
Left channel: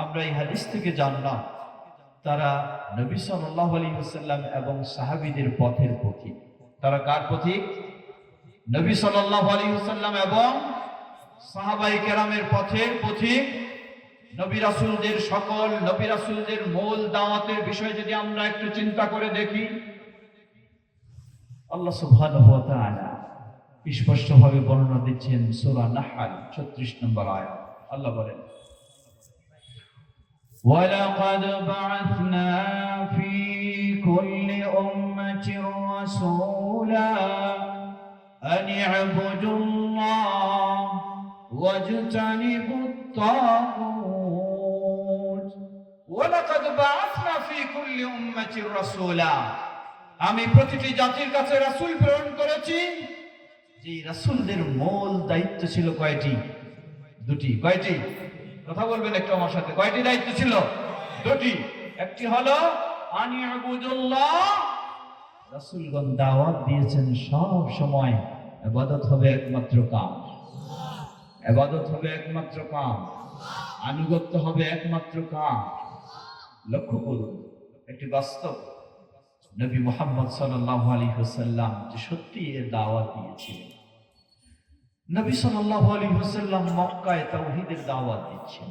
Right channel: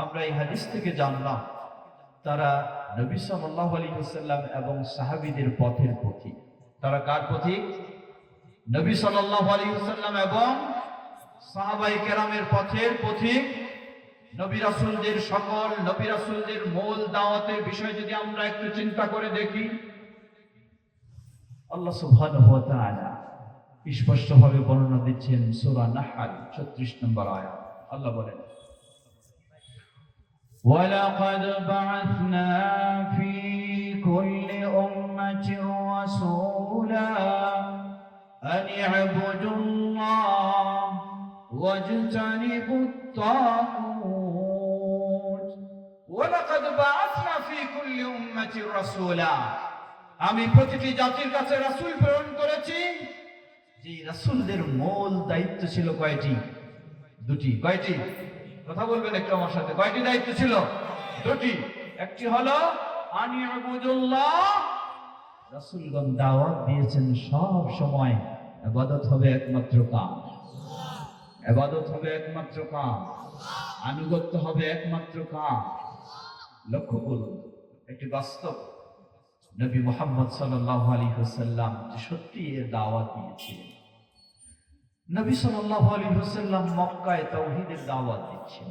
আমরা এই হাদিস থেকে জানলাম, তারা নবী সাল্লাল্লাহু আলাইহি ওয়াসাল্লাম এবং সাহাবীদের পথের পথিক। তারা কার পথিক? নবী সাল্লাল্লাহু আলাইহি ওয়াসাল্লাম এবং সাহাবায়ে কেরামের পথের পথিক। নবী রাসূলদের সকল নবী রাসূলদের মূল দাওয়াতের বিষয় যদি আমরা একটু চিন্তা করে দেখি, আল্লাহ সুবহানাহু ওয়া তাআলা স্পষ্টভাবে বর্ণনা দিচ্ছেন সূরা নাহল 36 নম্বর আয়াত। আল্লাহ বলেন, وَلَقَدْ بَعَثْنَا فِي كُلِّ أُمَّةٍ رَسُولًا أَنِ اعْبُدُوا اللَّهَ وَاجْتَنِبُوا الطَّاغُوتَ وَلَقَدْ بَعَثْنَا فِي كُلِّ أُمَّةٍ رَسُولًا। আমি প্রতিটি জাতির কাছে রাসূল প্রেরণ করেছি। যে রাসূলদের মূল দায়িত্ব ছিল কয়টি? দুটি। কয়টি? কথা বলবেন একটু আমার সাথে। কয়টি দায়িত্ব ছিল? দুটি। একটি হলো আনি ইবুদুল্লাহ, রাসূলগণ দাওয়াত দিয়েছেন সব সময় ইবাদত হবে একমাত্র কাম, ইবাদত হবে একমাত্র কাম, আনুগত্য হবে একমাত্র কাম। লক্ষ্য করুন একটি বাস্তব, নবী মুহাম্মদ সাল্লাল্লাহু আলাইহি ওয়াসাল্লাম যে সত্যি এর দাওয়াত দিয়েছিলেন। নবী সাল্লাল্লাহু আলাইহি ওয়াসাল্লাম মক্কায় তাওহীদের দাওয়াত দিচ্ছেন,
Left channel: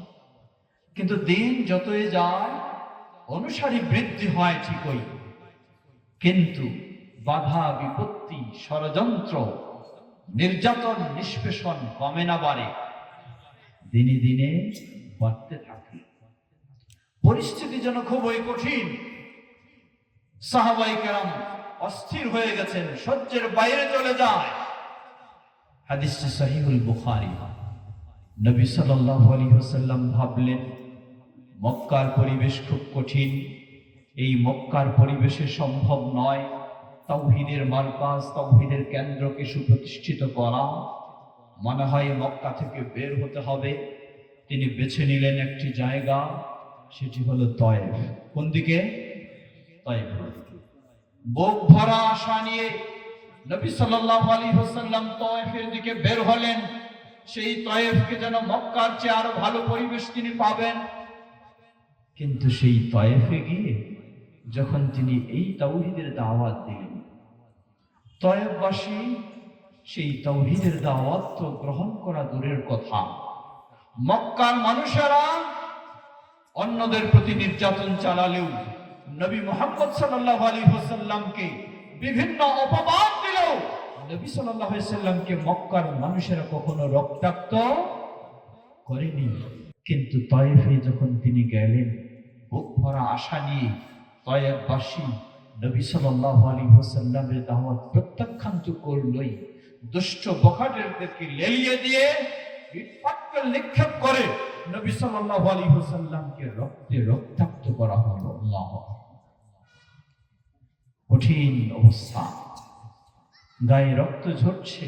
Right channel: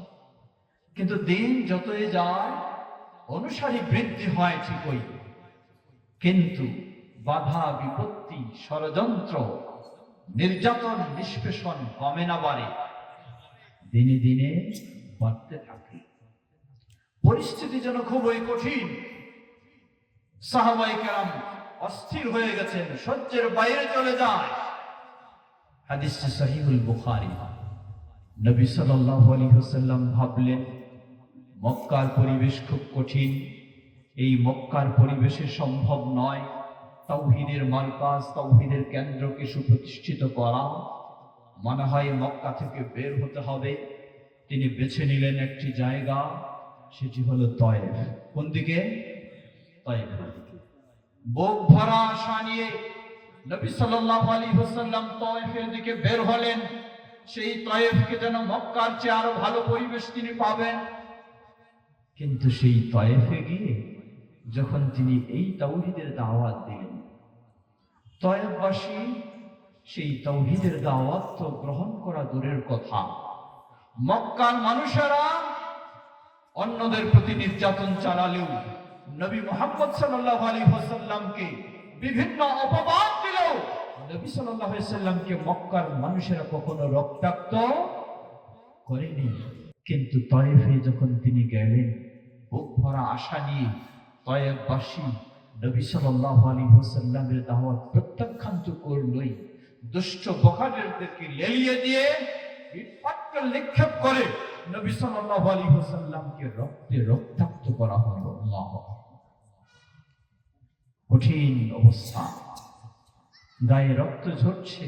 কিন্তু দিন যতই যায় অনুসারী বৃদ্ধি হয় ঠিকই, কিন্তু বাধা বিপত্তি, ষড়যন্ত্র, নির্যাতন, নিষ্পেষণ কমে না, বাড়ে, দিনে দিনে বাড়তে থাকে। পরিস্থিতি যেন খুবই কঠিন। সাহাবায়ে কেরাম অস্থির হয়ে গেছেন, সহ্যের বাইরে চলে যায়। হাদিসটি সহিহুল বুখারী। নবী সাল্লাল্লাহু আলাইহি ওয়াসাল্লাম ভাবলেন মক্কার পরিবেশ খুব কঠিন, এই মক্কার পরিবেশে সম্ভব নয় তাওহীদের মারকাজ, তাওহীদের কেন্দ্রকে সুপ্রতিষ্ঠিত করা। মনে হয় মক্কা থেকে বের হতে হবে। তিনি বেছে নিলেন একটি জায়গা, সেটি হলো তয়েফ। কোন দিকে? তয়েফ। বুক ভরা আশা নিয়ে নবী সাল্লাল্লাহু আলাইহি ওয়াসাল্লাম তয়েফের দিকে বের হলেন। সেই তয়েফকে যেন মক্কার চেয়ে আরো ভালো পরিবেশ তিনি পাবেন। কিন্তু সেই তয়েফে গিয়ে যখন তিনি এই তাওহীদের দাওয়াত দিলেন, তয়েফবাসী সেই তাওহীদের দাওয়াত তো গ্রহণ করা দূরের কথা, মক্কার মানুষেরা অন্যদের প্রতি নির্যাতন চালালেও নবী মুহাম্মদ সাল্লাল্লাহু আলাইহি ওয়াসাল্লামকে বিভিন্ন অপবাদ দিলেও নবী সাল্লাল্লাহু আলাইহি ওয়াসাল্লামকে মক্কার মানুষেরা কখনো রক্তাক্ত করেনি। কিন্তু তয়েফে যখন তিনি গেলেন, বুক ভরা আশা নিয়ে তয়েফবাসী নবী সাল্লাল্লাহু আলাইহি ওয়াসাল্লামের দাওয়াত প্রত্যাখ্যান তো করলই, দুষ্ট বখাটেরদেরকে লেলিয়ে দিয়ে ইটপাটকেল নিক্ষেপ করে নবী সাল্লাল্লাহু আলাইহি ওয়াসাল্লামকে রক্তে রক্তাক্ত করা হলো। আল্লাহু আকবার। কঠিন অবস্থা, গায়ে রক্ত ঝরছে।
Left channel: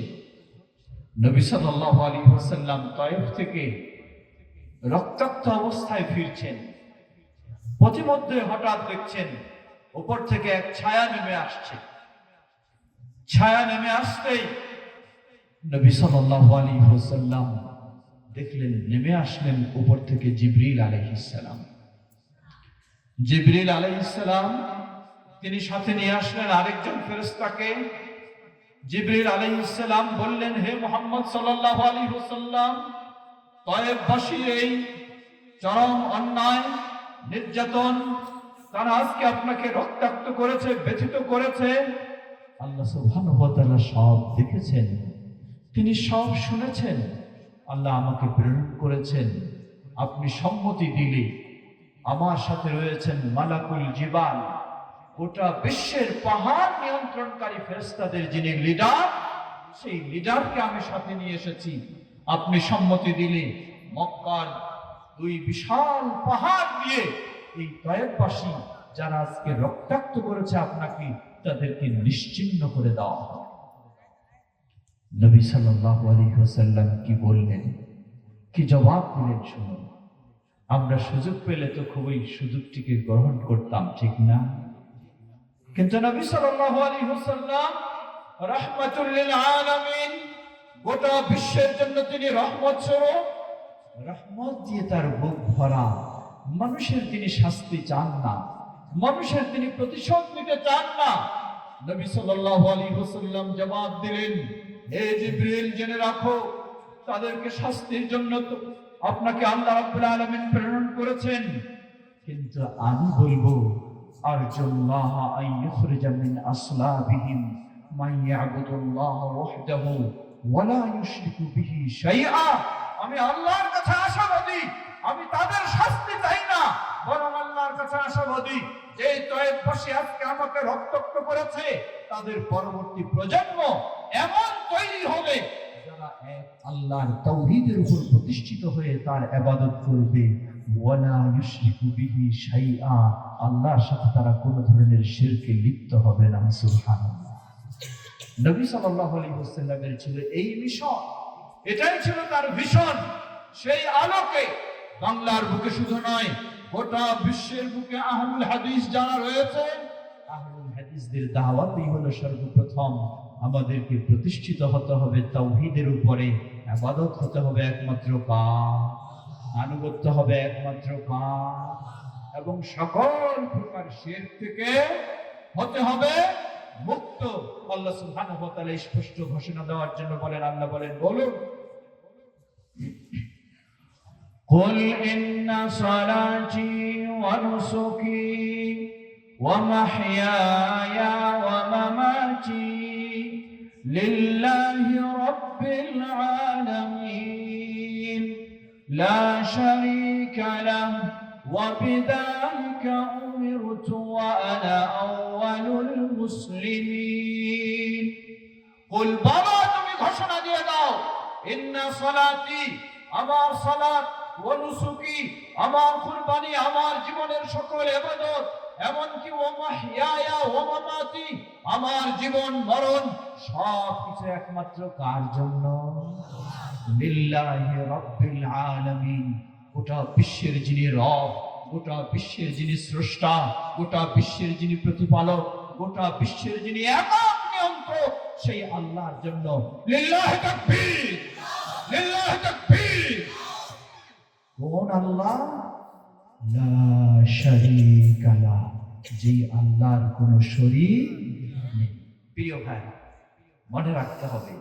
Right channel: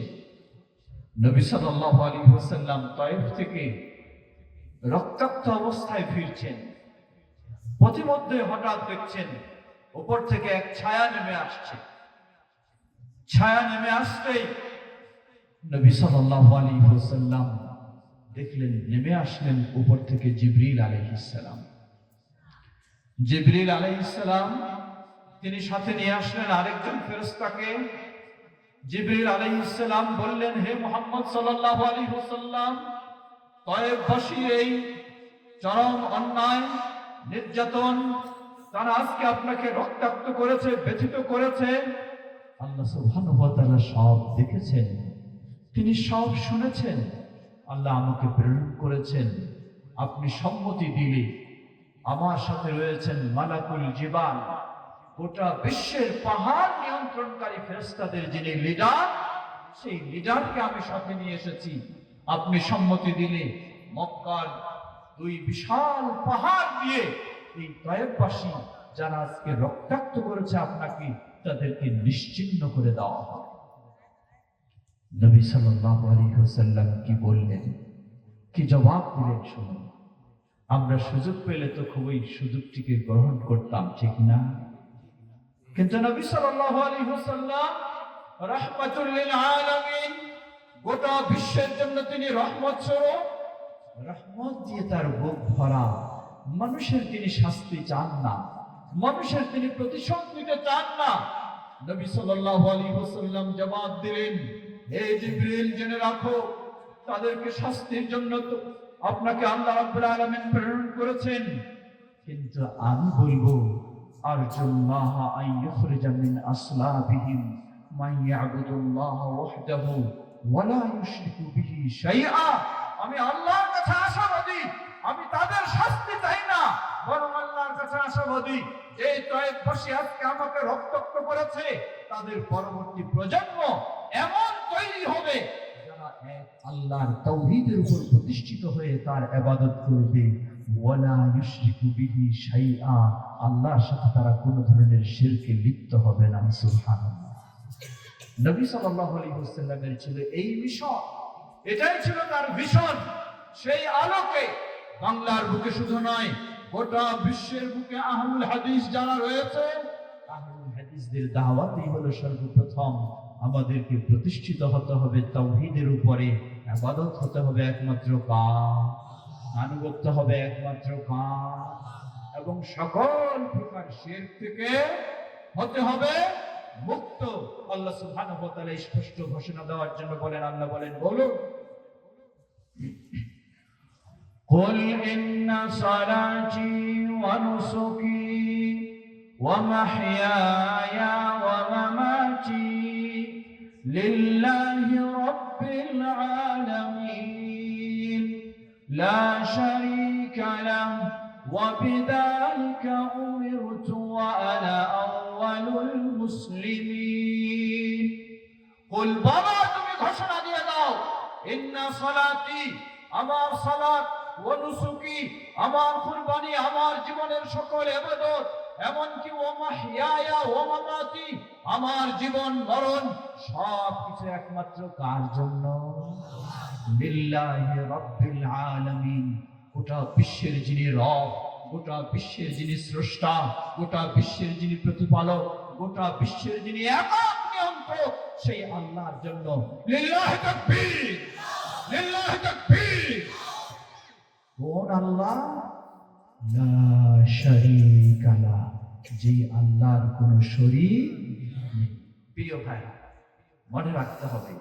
নবী সাল্লাল্লাহু আলাইহি ওয়াসাল্লাম তয়েফ থেকে রক্তাক্ত অবস্থায় ফিরছেন। পথিমধ্যে হঠাৎ দেখছেন উপর থেকে এক ছায়া নেমে আসছে। ছায়া নেমে আসতেই নবী সাল্লাল্লাহু আলাইহি ওয়াসাল্লাম দেখলেন নেমে আসলেন উপর থেকে জিবরিল আলাইহিস সালাম। জিবরিল আলাইহিস সালাম তিনি সাথে নিয়ে আসলেন আরেকজন ফেরেশতাকে। জিবরিল আলাইহিস সালাম বললেন, হে মুহাম্মদ সাল্লাল্লাহু আলাইহি ওয়াসাল্লাম, তায়েফবাসীর এই চরম অন্যায় নির্যাতন, তারা আজকে আপনাকে রক্তাক্ত করেছে, ব্যথিত করেছে। আল্লাহ সুবহানাহু ওয়া তাআলা সব দেখেছেন, তিনি সব শুনেছেন। আল্লাহ আমাকে প্রেরণ করেছেন, আপনি সম্মতি দিলে আমার সাথে রয়েছেন মালাকুল জিবাল, গোটা বিশ্বের পাহাড় নিয়ন্ত্রণকারী ফেরেশতাদের যিনি লিডার, সেই লিডারকে আমি সাথে নিয়ে এসেছি। আপনি সম্মতি দিলে মক্কার দুই বিশাল পাহাড় দিয়ে এই তায়েফবাসী যারা আজকে রক্তাক্ত করেছে আপনাকে, তাদেরকে নিশ্চিহ্ন করে দেওয়া হবে। নবী সাল্লাল্লাহু আলাইহি ওয়াসাল্লাম কি বললেন, কি জবাব দিলেন শুনুন। আমরা সুযোগ পেলে তো খুবই সুযোগটিকে গ্রহণ করতাম, ঠিক না? কিন্তু নবী সাল্লাল্লাহু আলাইহি ওয়াসাল্লাম রাহমাতুল লিল আলামিন, গোটা বিশ্বের জন্য তিনি রহমত স্বরূপ, রহমত দিয়ে তার বুক ভরা। মানুষের তিনি শাস্তি চান না, মানুষের তিনি প্রতিশোধ নিতে চান না। নবী সাল্লাল্লাহু আলাইহি ওয়াসাল্লাম জবাব দিলেন, হে জিবরিল, জেনে রাখো তাদেরকে শাস্তির জন্য তো আপনাকে আল্লাহ রাব্বুল আলামিন প্রেরণ করেছেন, কিন্তু আমি বলবো আরজুল্লাহ আন ইখরিজা মিন আসলাবিহিম মান ইয়াবুদুল্লাহ ওয়াহদাহু ওয়া লা ইউশরিকু বিহি শাইআ। আমি আল্লাহর কাছে আশাবাদী, আমি তাদের শাস্তি চাই না, বরং আল্লাহর কাছে আশাবাদী যে তায়েফবাসী আজকে আমাকে রক্তাক্ত করেছে, তাদের পরবর্তী প্রজন্ম এমন তৈরি হবে যারা এক আল্লাহর তাওহীদের উপর প্রতিষ্ঠিত হয়ে তার ইবাদত করবে। ওয়ালা ইউশরিকু বিহি শাইআ, আল্লাহর সাথে তারা কোনো ধরনের শিরকে লিপ্ত হবে না। সুবহানাল্লাহ। নবী সাল্লাল্লাহু আলাইহি ওয়াসাল্লামের ছিল এই মিশন, এটাই ছিল তার ভিশন। সেই আলোকে বাংলার বুকে শুধু নয়, গোটা বিশ্বের বুকে আহলুল হাদিস যারা রয়েছে, আহলুল হাদিসদের দাওয়াতই হলো সর্বপ্রথম আমাদেরকে প্রতিষ্ঠিত হতে হবে তাওহীদের উপরে, ইবাদত হতে হবে একমাত্র কার, আনুগত্য হবে একমাত্র কার, এবং সকল প্রকার শিরক থেকে হতে হবে মুক্ত। আল্লাহ সুবহানাহু ওয়া তাআলা স্পষ্ট ঘোষণা দেওয়ার জন্য বলেন, আল্লাহ বলেন, বলুন, কুল ইন্না সালাতি ওয়া নুসুকি ওয়া মাহইয়ায়া ওয়া মামাতি লিল্লাহি রাব্বিল আলামিন লা শারীকা লাহু ওয়া বিযালিকা উমিরতু ওয়া আনা আউয়ালুল মুসলিমিন। কুল, বলো, তুমি ঘোষণা দিয়ে দাও, ইন্না সালাতি, আমার সালাত, ওয়া নুসুকি, আমার কুরবানি, আমার জীবনের সকল ইবাদত, এমনকি ওয়া মাহইয়ায়া ওয়া মামাতি, আমার জীবন মরণ সব কিছু একমাত্র কার জন্য? লিল্লাহি রাব্বিল আলামিন, গোটা বিশ্বের যিনি রব, গোটা বিশ্বের যিনি স্রষ্টা, গোটা বিশ্বের যিনি প্রতিপালক, গোটা বিশ্বের যিনি একক নিয়ন্ত্রক, সেই আল্লাহর জন্য। লিল্লাহি তাকবীর, লিল্লাহি তাকবীর। কোন আল্লাহ? লা শারীকা লাহু, যে আল্লাহর কোনো শরীক নেই। প্রিয় ভাই, মনে রাখতে হবে,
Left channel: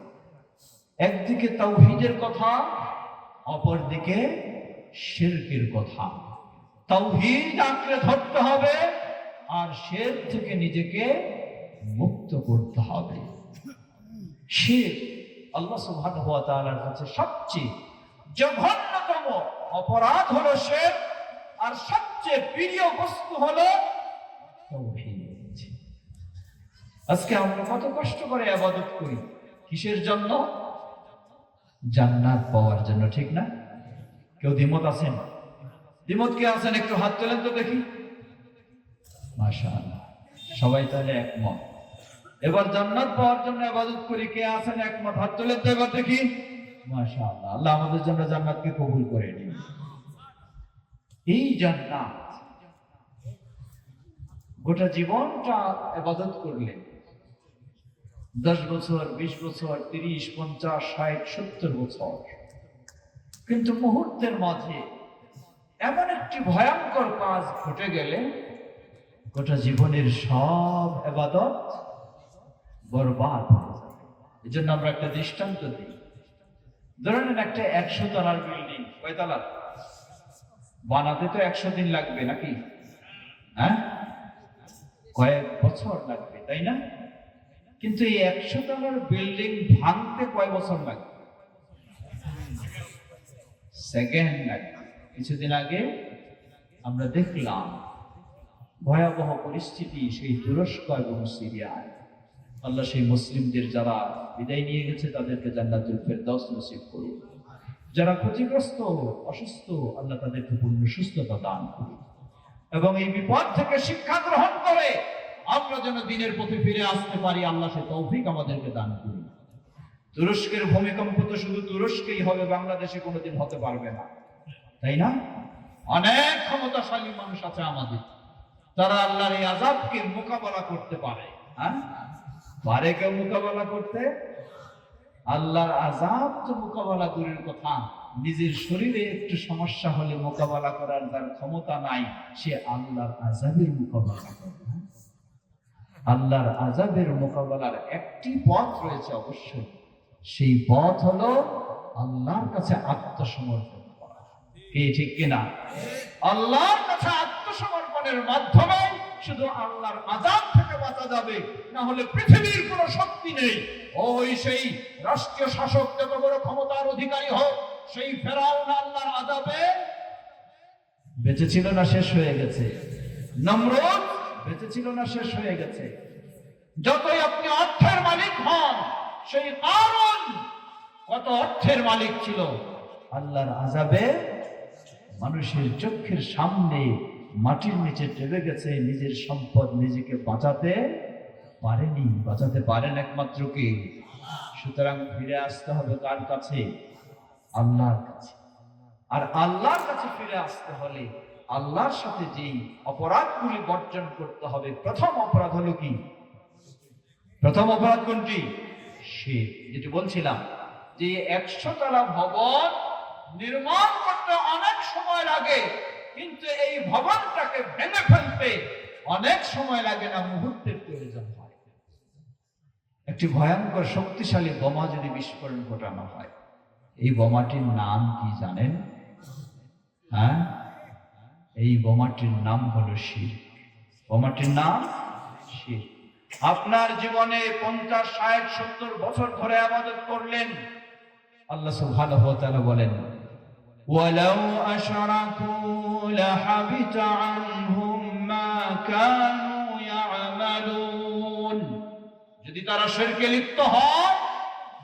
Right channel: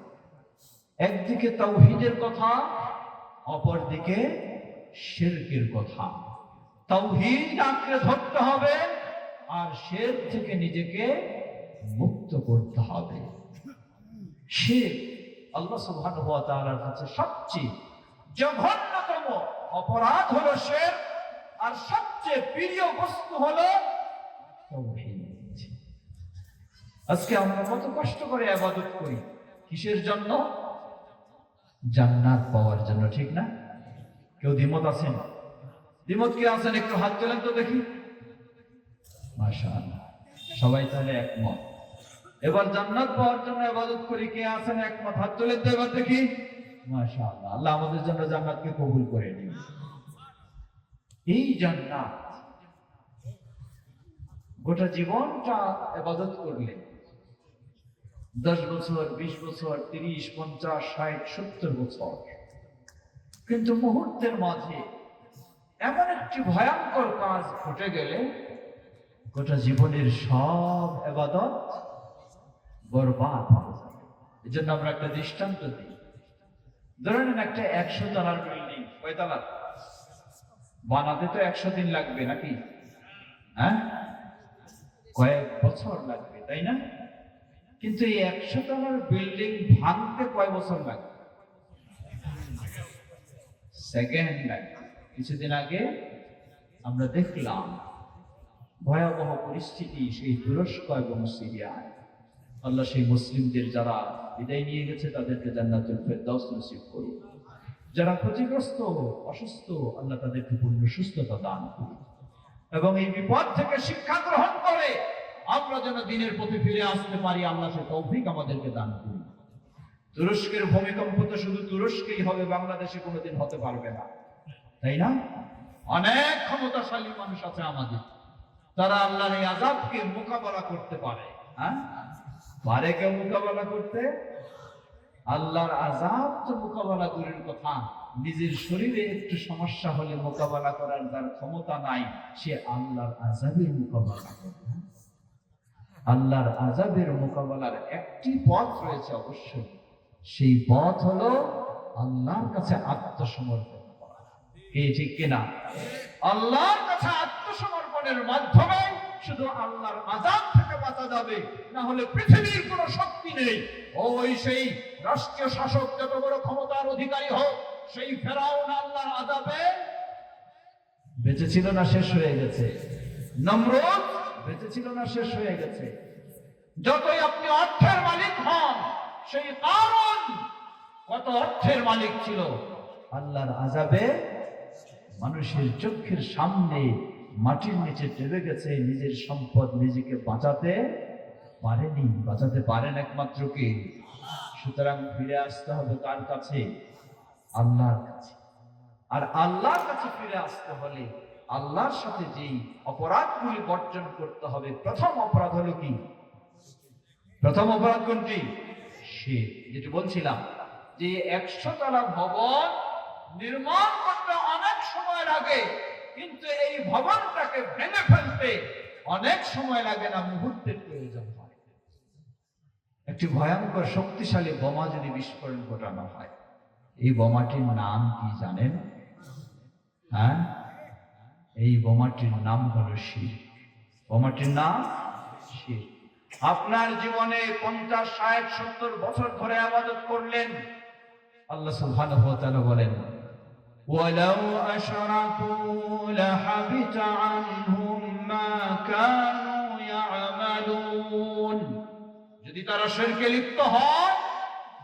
একদিকে তাওহীদের কথা, অপরদিকে শিরকের কথা। তাওহীদ আঁকড়ে ধরতে হবে, আর শিরক থেকে নিজেকে মুক্ত করতে হবে। শিরক আল্লাহ সুবহানাহু ওয়া তাআলার কাছে সবচেয়ে জঘন্যতম অপরাধ হলো শিরক, আর সবচেয়ে প্রিয় বস্তু হলো তাওহীদ। আজকে আমরা কত কষ্ট করে ইবাদত করি, কিসের জন্য? জান্নাত পাওয়ার জন্য, ঠিক না? কেউ দ্বিমত আছেন? দ্বিমত কে আছেন? একটু হাত তোলেন তো দেখি। মাশাআল্লাহ, সবাই তাহলে একমত। এবার জান্নাত পাওয়ার জন্য ইবাদত করি, কে আছেন একমত? হাত তোলেন তো এবার দেখি। মাশাআল্লাহ, আল্লাহ আমাদের জন্য জান্নাতকে কবুল করে নিন। এই জান্নাত গোটা জীবনটা ইবাদত করলে 10 বছর, 20 বছর, 30, 50, 60, 70 বছর। কিন্তু মুহূর্তের মাঝে এমন একটি ভয়ঙ্কর কাজ ঘটে গেলে গোটা জীবনের সব ইবাদত বরবাদ হয়ে যাবে। এই জন্য আমরা একটা দৃষ্টান্ত দিই। ধরেন একটা 100 তলার বিল্ডিং, কয়তলা বানাতে তো 100 দিন লাগবে নাকি? হ্যাঁ, কয়েক বছর লাগবে, তাই না? কিন্তু এই 100 তলার বিল্ডিং ভাঙতে কয় বছর লাগবে? সেকেন্ড লাগবে। কিছুদিন আগে আমরা দেখলাম ভয়াবহ পরিস্থিতি সেই তুরস্ক এবং সিরিয়ায়। আল্লাহ সেই মুসলিমদের যারা বিদায় নিয়ে গেছে তাদেরকে জান্নাতুল ফেরদাউস নসিব করুন। যারা ক্ষতিগ্রস্ত, অসুস্থ, আল্লাহ তাদেরকে পূর্ণ সুস্থতা দান করুন এবং এই বিপদ থেকে শিক্ষা গ্রহণ করে আমরা যেন দিনের পথে ফিরে আসতে পারি, আল্লাহ সে তৌফিক আমাদেরকে দান করুন। তুরস্কের ভূমিকম্প তো শুধু তুরস্কেই হবে, বাংলাদেশে কোনোদিন হতে পারবে না, তাই না? অনেক ক্ষমতাশালী মানুষ আছে আমাদের, তারা আল্লাহর এই আযাবকে মোকাবেলা করতে পারে। হ্যাঁ, পারে কেউ মোকাবেলা করতে? আল্লাহর আযাব তো মোকাবেলা দূরের কথা, নিজের শরীরে একটু সমস্যা হলে মোকাবেলা করার যার ক্ষমতা নাই, সে আল্লাহর আযাবের মোকাবেলা করবে। আল্লাহর আযাবের মোকাবেলার একটি পথ রয়েছে অবশ্যই, সেই পথ হলো আল্লাহর কাছে আত্মসমর্পণ করা। কি ঠিক কিনা? আল্লাহর কাছে আত্মসমর্পণের মাধ্যমে শুধু আল্লাহর আযাব থেকে বাঁচা যাবে, না হলে পৃথিবীর কোনো শক্তি নেই। ওই সেই রাষ্ট্রীয় শাসক যত বড় ক্ষমতার অধিকারী হোক, সেই ফেরাউন আল্লাহর আযাবে বেঁচে ছিল না শেষ হয়ে গেছে? নমরুদ বেঁচে ছিল না শেষ হয়ে গেছে? যতই আপনি অর্থের মালিক হন, সেই কারণ কত অর্থের মালিক ছিল, আল্লাহর আযাবে মানুষের চোখের সামনে মাটির নিচে ডুবে গেছে, নিজের সম্পদ নিজেকে বাঁচাতে পারেনি। বাঁচাতে পারেন একমাত্র কে? সুতরাং ফিরে আসতে হবে কার কাছে? আল্লাহর কাছে। আর আল্লাহর কাছে ফিরে আসতে হলে আল্লাহর সাথে যেই অপরাধগুলি বর্জন করতে হবে, প্রথম অপরাধ হলো কি? প্রথম অপরাধ কোনটি? সে যেটা বলছিলাম যে 100 তলা ভবন নির্মাণ করতে অনেক সময় লাগে, কিন্তু এই ভবনটাকে ভেঙে ফেলতে অনেক সময় লাগে না, মুহূর্তের প্রয়োজন হয়। একটি ভয়ঙ্কর শক্তিশালী বোমা যদি বিস্ফোরণ ঘটানো হয়, এই বোমাটির নাম কি জানেন? হ্যাঁ, এই বোমাটির নাম হলো শিরক। বোমাটির নাম শিরক। আপনার জীবনে 50, 60, 70 বছর ধরে ইবাদত করলেন, আল্লাহ সুবহানাহু ওয়া তাআলা বলেন ওয়ালাউ আশরাকু লাহাবিতা আনহুম মা কানু ইয়ামালুন। যদি তারা শিরকে লিপ্ত হয়,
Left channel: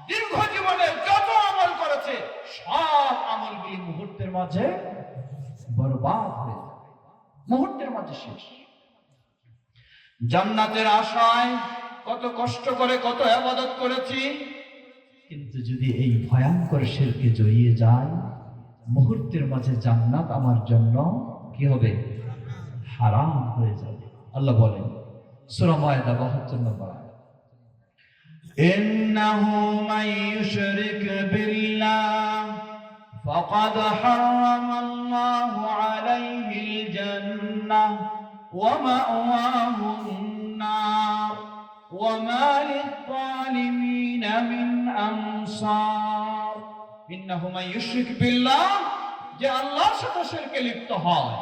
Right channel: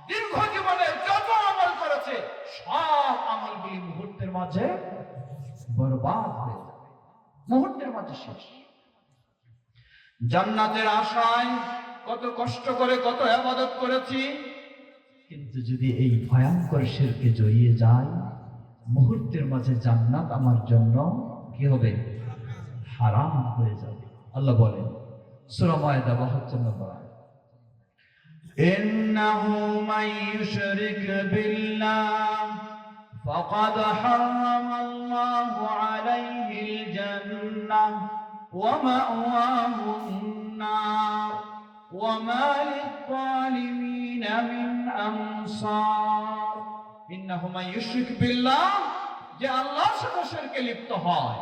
দীর্ঘ জীবনে যত আমল করেছে সব আমলগুলি মুহূর্তের মাঝে বরবাদ হয়ে যাবে, মুহূর্তের মাঝে শেষ। জান্নাতের আশায় কত কষ্ট করে কত ইবাদত করেছি, কিন্তু যদি এই ভয়ঙ্কর শিরকে জড়িয়ে যায়, মুহূর্তের মাঝে জান্নাত আমার জন্য কি হবে? হারাম হয়ে যাবে। আল্লাহ বলেন সূরা মায়েদা 72 নম্বর আয়াত, ইন্নাহু মান ইউশরিক বিল্লাহ ফাকাদ হারামাল্লাহু আলাইহিল জান্নাহ ওয়া মাওয়াহুন নার ওয়া মা লিয-যালিমিনা মিন আনসার। ইন্নাহু মান ইউশরিক বিল্লাহ, যে আল্লাহর সাথে শিরকে লিপ্ত হয়,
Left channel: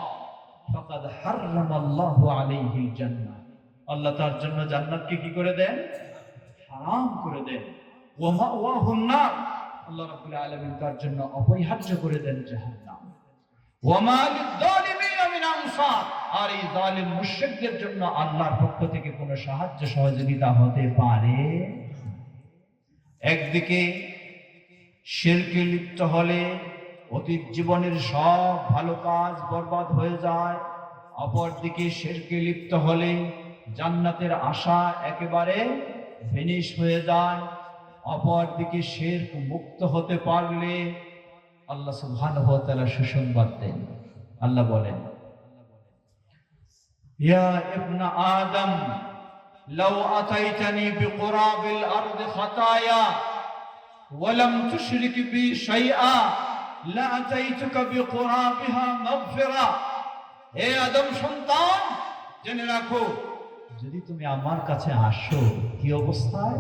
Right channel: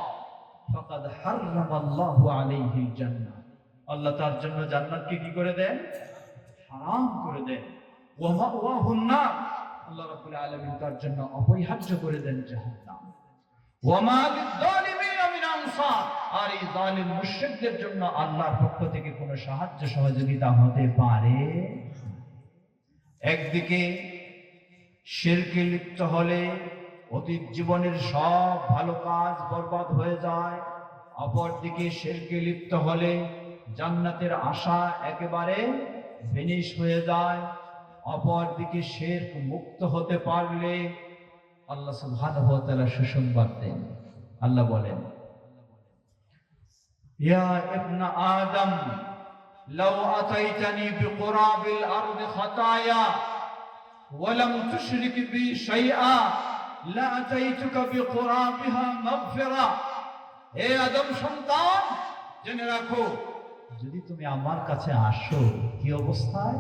ফাকাদ হারামাল্লাহু আলাইহিল জান্নাহ, আল্লাহ তার জন্য জান্নাতকে কি করে দেন? হারাম করে দেন। ওয়া মাওয়াহুন নার, আল্লাহ রাব্বুল আলামিন তার জন্য অপরিহার্য করে দেন জাহান্নাম। ওয়া মা লিয-যালিমিনা মিন আনসার, আর এই জালিম মুশরিকদের জন্য আল্লাহর পক্ষ থেকে কোনো সাহায্য সহযোগিতা হতে পারে। একদিকে শিরকে লিপ্ত হলে অতীত জীবনের সব ভালো কাজ বরবাদ হয়ে যায়, অপরদিকে শিরকে লিপ্ত হলে জান্নাতের আশা একেবারে ফিনিশ হয়ে যায়। অপরদিকে শিরক মুক্ত হতে পারলে আল্লাহ সুবহানাহু ওয়া তাআলা সুসংবাদ দেন। আল্লাহ বলেন ইয়া ইবনা আদম লাউ আতাইতানি বিকুরাবিল আরদি খাতায়া ওয়া লাম তুশরিক বি শাইআ লা আতাইতুকা বিকুরাবিহা মাগফিরা। হে আদম সন্তান, জেনে রাখো, যদি তুমি আমার কাছে আসো কি অবস্থায়,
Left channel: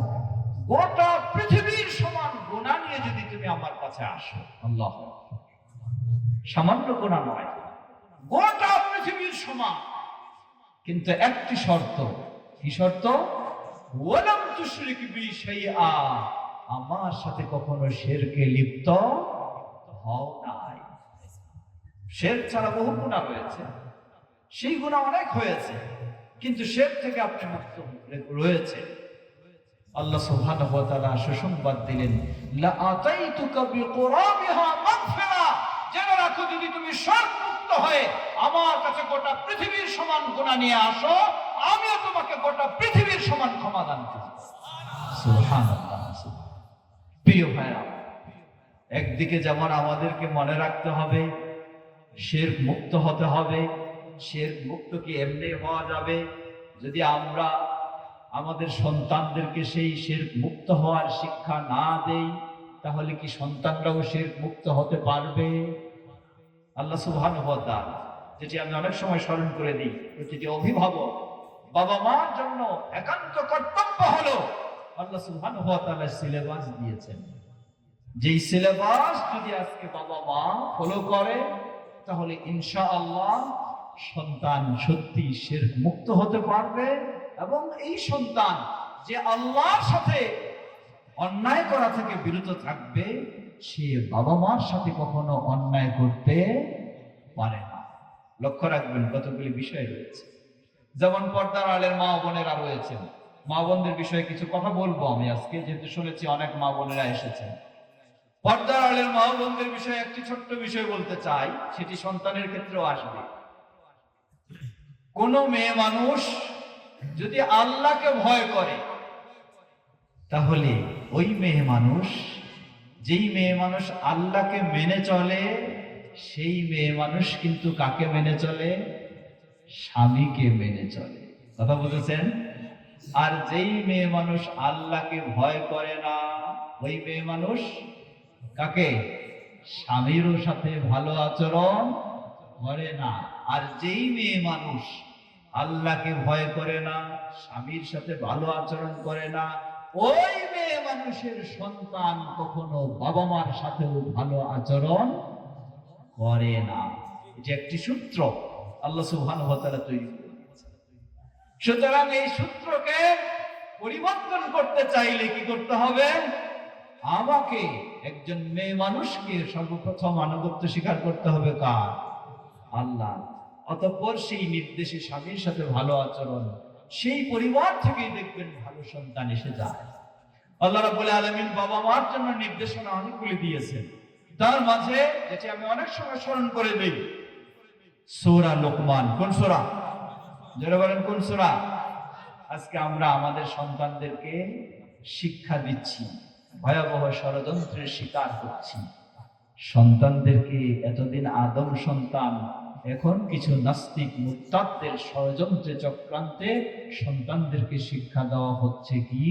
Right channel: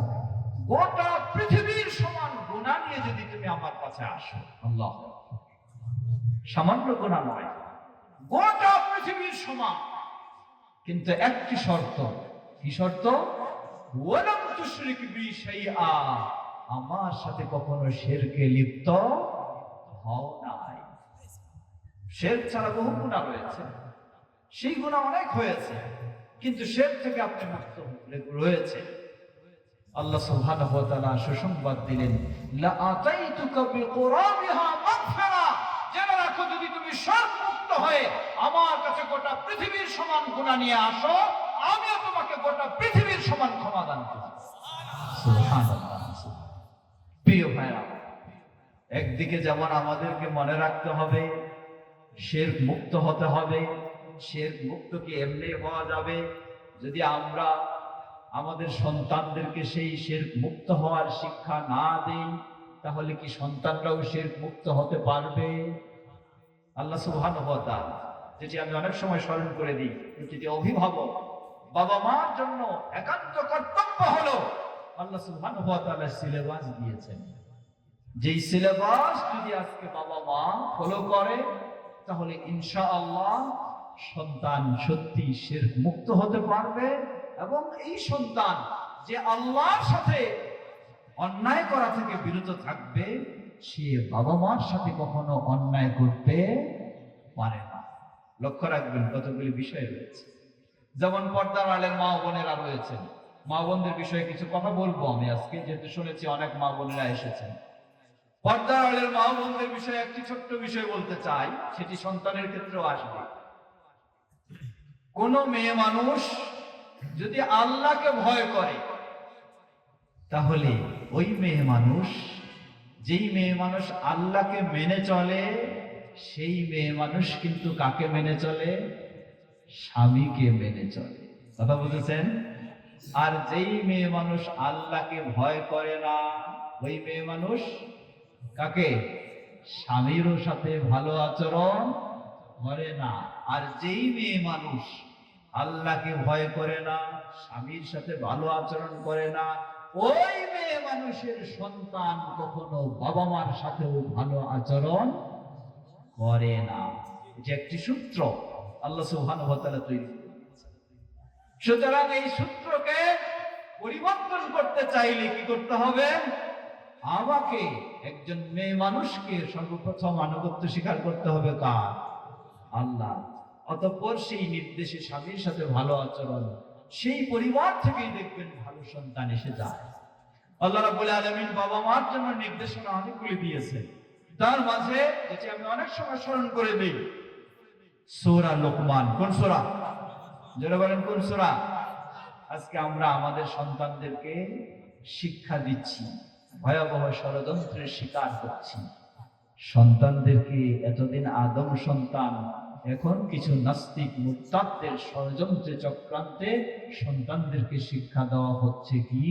গোটা পৃথিবীর সমান গুনাহ নিয়ে যদি তুমি আমার কাছে আসো, আল্লাহ, সামান্য গুনাহ নয়, গোটা পৃথিবীর সমান, কিন্তু একটি শর্ত। কি শর্ত? ওয়ালাম তুশরিক বি শাইআ, আমার সাথে কখনো শিরকে লিপ্ত হও নাই। শিরক ছাড়া বহু গুনাহ রয়েছে, সেই গুনাহ অনেক হয়েছে, কিন্তু শিরক থেকে আপনি মুক্ত রয়েছে। আল্লাহ সুবহানাহু ওয়া তাআলা সুসংবাদ দিলেন, লা আতাইতুকা বিকুরাবিহা মাগফিরা। জেনে রাখো, যদি তুমি শিরক মুক্ত হয়ে আমার কাছে গোটা পৃথিবীর সমান গুনাহ নিয়ে আসো, আমি তোমাকে গোটা পৃথিবীর সমান ক্ষমা দান করব। সুবহানাল্লাহ। প্রিয় ভাইরা, একদিকে যেমন আমাদেরকে মনে রাখতে হবে শিরক মুক্ত হতে হবে। শিরক মুক্ত কি এমনি হওয়া যাবে? যদি আমরা আমাদের সন্তানদেরকে সেই শিরক মুক্ত হওয়ার শিক্ষা না দেই, তাহলে কি সন্তানরাও শিরক মুক্ত হতে পারবে? আল্লাহ সুবহানাহু ওয়া তাআলা, যেটি আমি অনেক সময় স্মরণ করে দিই, প্রতিটি অভিভাবক বাবা মার জন্য একান্ত কর্তব্য হলো, আল্লাহ সুবহানাহু ওয়া তাআলা সিলেবাস দিয়েছেন। যেই সিলেবাস যদি আজকে বাবা মা ফলো করে, তাহলে ইনশাআল্লাহ সন্তান সত্যি শিরক মুক্ত হতে পারবে। এবং এই সন্তান যে আল্লাহর সাথে অন্যায় করা থেকে বিরত থাকবে, সে বাবা মার সাথে কখনো অন্যায় করতে পারে না। লক্ষ্য রাখবেন, কতগুলি বিষয় রয়েছে। যেমন পর্দার আড়ালের মা বোনেরা রয়েছেন, মা বোনদের বিষয়ে কিছু কথা বলবো আমি আজকে, যেহেতু শুনেছি অনেক মা বোনেরা এসেছেন। পর্দার আড়ালের মা বোনদের বিষয়ে একটি ছোট্ট বিষয় বলতে চাই, সেটি সন্তানের ক্ষেত্রেও আসবে। কোন মেয়ে মানুষ যদি আল্লাহকে ভয় করে, তাহলে ওই মেয়ে মানুষ, যেই মেয়ে মানুষ আল্লাহকে মেনে চলে, সেই মেয়ে মানুষ কিন্তু কাকে মেনে চলে? স্বামীকে মেনে চলে। কথা বুঝেছেন? আর যেই মেয়ে মানুষ আল্লাহকে ভয় করে না, ওই মেয়ে মানুষ কাকে? স্বামীর সাথে ভালো আচরণ করে না। আর যেই মেয়ে মানুষ আল্লাহকে ভয় করে না, স্বামীর সাথে ভালো আচরণ করে না, ওই মেয়ে মানুষের সন্তান কখনো বাবা মার সাথেও ভালো আচরণ করে না। এটা একটি সূত্র আল্লাহ সুবহানাহু ওয়া তাআলা তৈরি করে দিয়েছেন। সুতরাং এই সূত্রকে পরিবর্তন করতে চাইলে কি করতে হবে? আমাকে, একজন মেয়ে মানুষকে সর্বপ্রথম আনুগত্য স্বীকার করতে হবে কার? আল্লাহ। অতঃপর সেই নির্দেশে স্বামীর সাথে ভালো আচরণ, সেই পরিবার থেকেই দেখবেন ভালো সন্তান এসে যায়। আল্লাহ রাব্বুল আলামিন বাবা মার জন্য নির্দেশনা অনেকগুলি দিয়েছেন। তার মাঝে যেটি আমি অনেক সময় স্মরণ করে দিই, সূরা লোকমান। কোন সূরা? যারা বলেন কোন সূরা? আজকে আমরা আমাদের সন্তানদেরকে শিক্ষা দিচ্ছি, ভয়াবহ ষড়যন্ত্রের শিকার করছি। সন্তানদেরকে এতদিন আদম সন্তান, এখন কিছু নাস্তিক মুরতাদদের ষড়যন্ত্রে চক্রান্তে সন্তানদেরকে শিক্ষা দেওয়া হচ্ছে কি?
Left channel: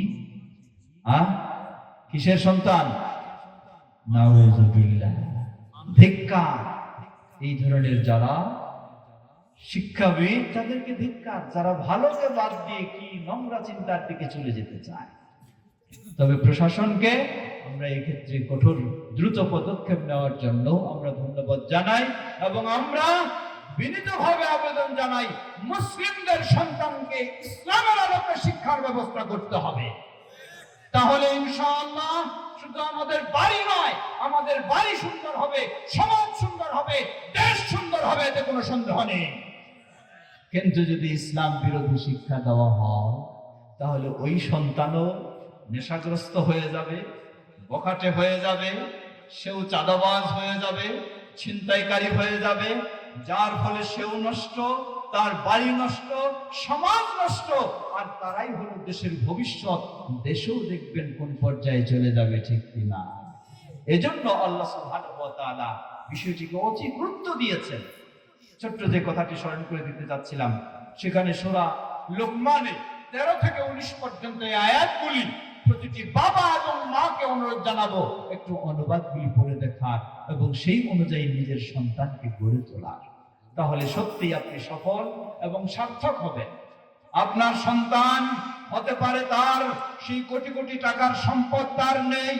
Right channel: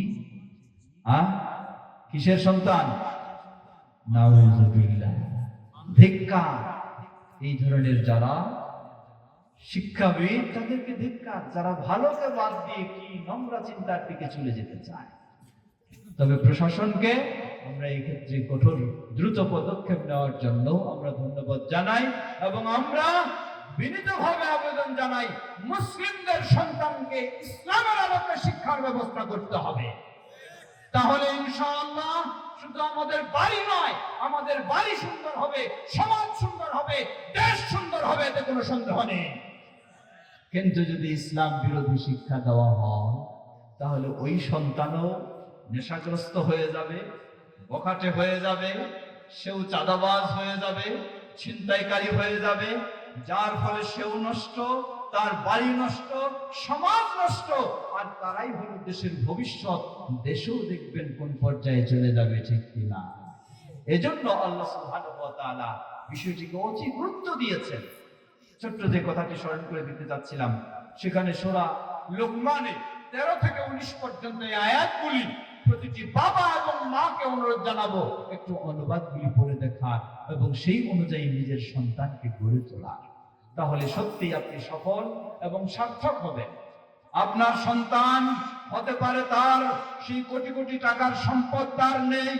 কিসের সন্তান? নাউযুবিল্লাহ, ধিক্কার। এই ধরনের যারা শিক্ষাবিদ, তাদেরকে ধিক্কার, যারা ভালোকে বাদ দিয়ে কি নোংরা চিন্তার দিকে চলে যেতে চায়। তবে প্রশাসনকে আমরা এই ক্ষেত্রে কঠোর দ্রুত পদক্ষেপ নেওয়ার জন্য আমরা ধন্যবাদ জানাই, এবং আমরা বিনীতভাবে আবেদন জানাই, মুসলিমদের সন্তানকে ইসলামের আলোকে শিক্ষার ব্যবস্থা করতে হবে। তাহলে ইনশাআল্লাহ শুধু আমাদের বাড়ি নয়, আমাদের বাড়ি সুন্দর হবে, সমাজ সুন্দর হবে, দেশ সুন্দর হবে, এতে কোনো সন্দেহ নেই। কিন্তু যদি ইসলাম বিরোধী শিক্ষা দেওয়া হয়, তাহলে ওই সন্তানও নেশাগ্রস্ত হয়ে যাবে, বখাটে হয়ে যাবে, সেও চাঁদাবাজ হয়ে যাবে, ছিনতাইকারী হয়ে যাবে, যার ফলে সেও নষ্ট, তার বাড়ি নষ্ট, সমাজ নষ্ট, আর তারাই হলো দেশের ভবিষ্যৎ। দেশেও দেখবেন কোন পর্যায়ে চলে যাবে, ঠিক কিনা? এজন্য আল্লাহ সুবহানাহু ওয়া তাআলা বিষয়টিকে অতি গুরুত্ব দিয়েছেন। ছোট্ট যে কথাটি স্মরণ করে দিতে চাচ্ছিলাম, সেখানে সূরা লোকমানে 13 থেকে 19 পর্যন্ত এই আয়াতগুলি প্রতিটি বাবা এবং মাকে অনুরোধ জানাবো একটু অনুবাদগুলি পড়ে দেখার এবং সেই অনুযায়ী নিজের সন্তানকে গড়ে তোলার। তাহলে সত্যি আপনি সফল এবং সার্থক হবেন। আপনার সন্তান হতে পারে তার সেই কোটি কোটি টাকার সম্পদ তার নেই,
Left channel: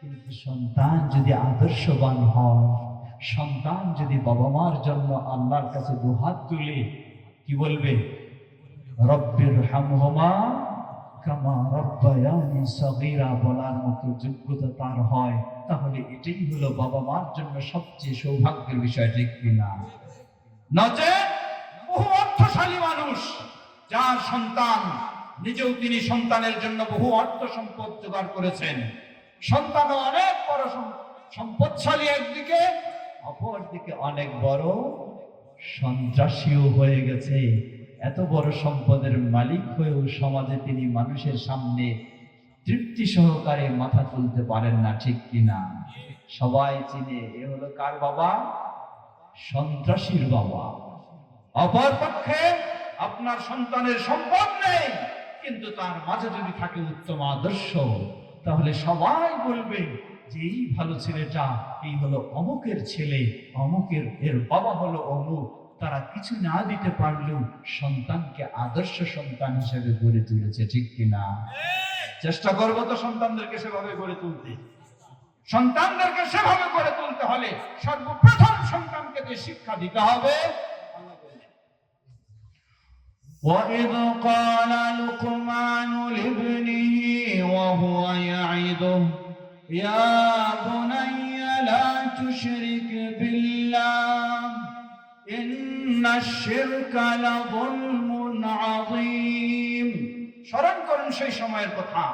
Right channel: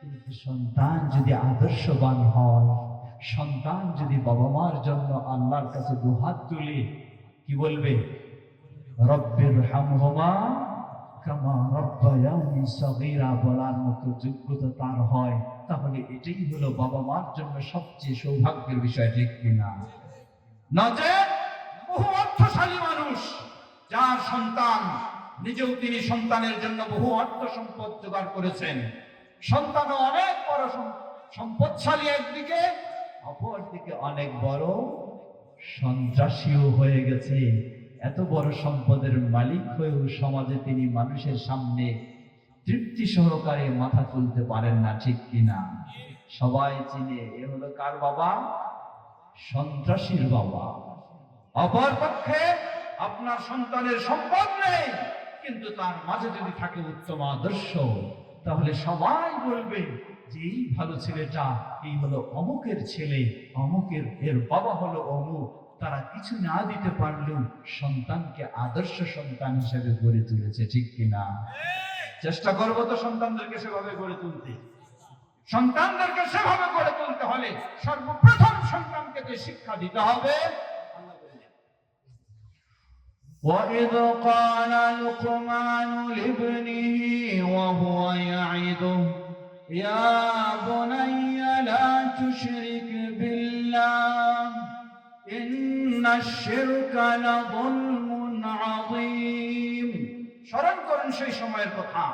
কিন্তু সন্তান যদি আদর্শবান হয়, সন্তান যদি বাবা মার জন্য আল্লাহর কাছে দুহাত তুলে কি বলবে, রব্বির হামহুমা কামা রব্বায়ানি সগীরা বলার মতো যোগ্যতা তার হয়, তাহলে এটাই হলো বাবা মার জন্য সবচেয়ে সৌভাগ্যের বিষয়, ঠিক কিনা? নচেৎ বহু অর্থশালী মানুষ যার সন্তান নিজেও তিনি সন্তানের জন্য বহু অর্থ সম্পদ জোগাড় করেছেন, সন্তানও অনেক বড় সম্পদশালী একদিকে, অপরদিকে অনেক বড় সন্ত্রাসীও হয়ে গেছে। এত বড় সম্পদের মালিক হয়েও সমাজে তিনি মানুষের সামনে তৃপ্তি সহকারে মাথা তুলতে পারেন না, ঠিক কিনা? সবাই চিনে এ হলো কার বাবা? সন্ত্রাসীর বাবা। অপরপক্ষে আপনার সন্তানের সম্পদ নেই, কিন্তু তার মাঝে যদি থাকে উত্তম আদর্শ, তাহলে সবাই বলবে যে এই ভালো ছেলেটা, এই হলো অমুকের ছেলে, অমুকের এর বাবা হলো অমুক। তারা কিছু না দিতে পারলেও সন্তানকে আদর্শ সন্তান হিসেবে গড়ে তুলেছে, ঠিক কিনা? চেষ্টা করবো তো সন্তানদেরকে সেভাবে গড়ে তুলতে। সন্তানদেরকে সেভাবে গড়ে তুলতে হলে সর্বপ্রথম সন্তানকে যে শিক্ষা দিতে হবে, وَإِذْ قَالَ لُقْمَانُ لِابْنِهِ وَهُوَ يَعِظُهُ يَا بُنَيَّ لَا تُشْرِكْ بِاللَّهِ إِنَّ الشِّرْكَ لَظُلْمٌ عَظِيمٌ। স্মরণ করুন সেই সময়ের কথা।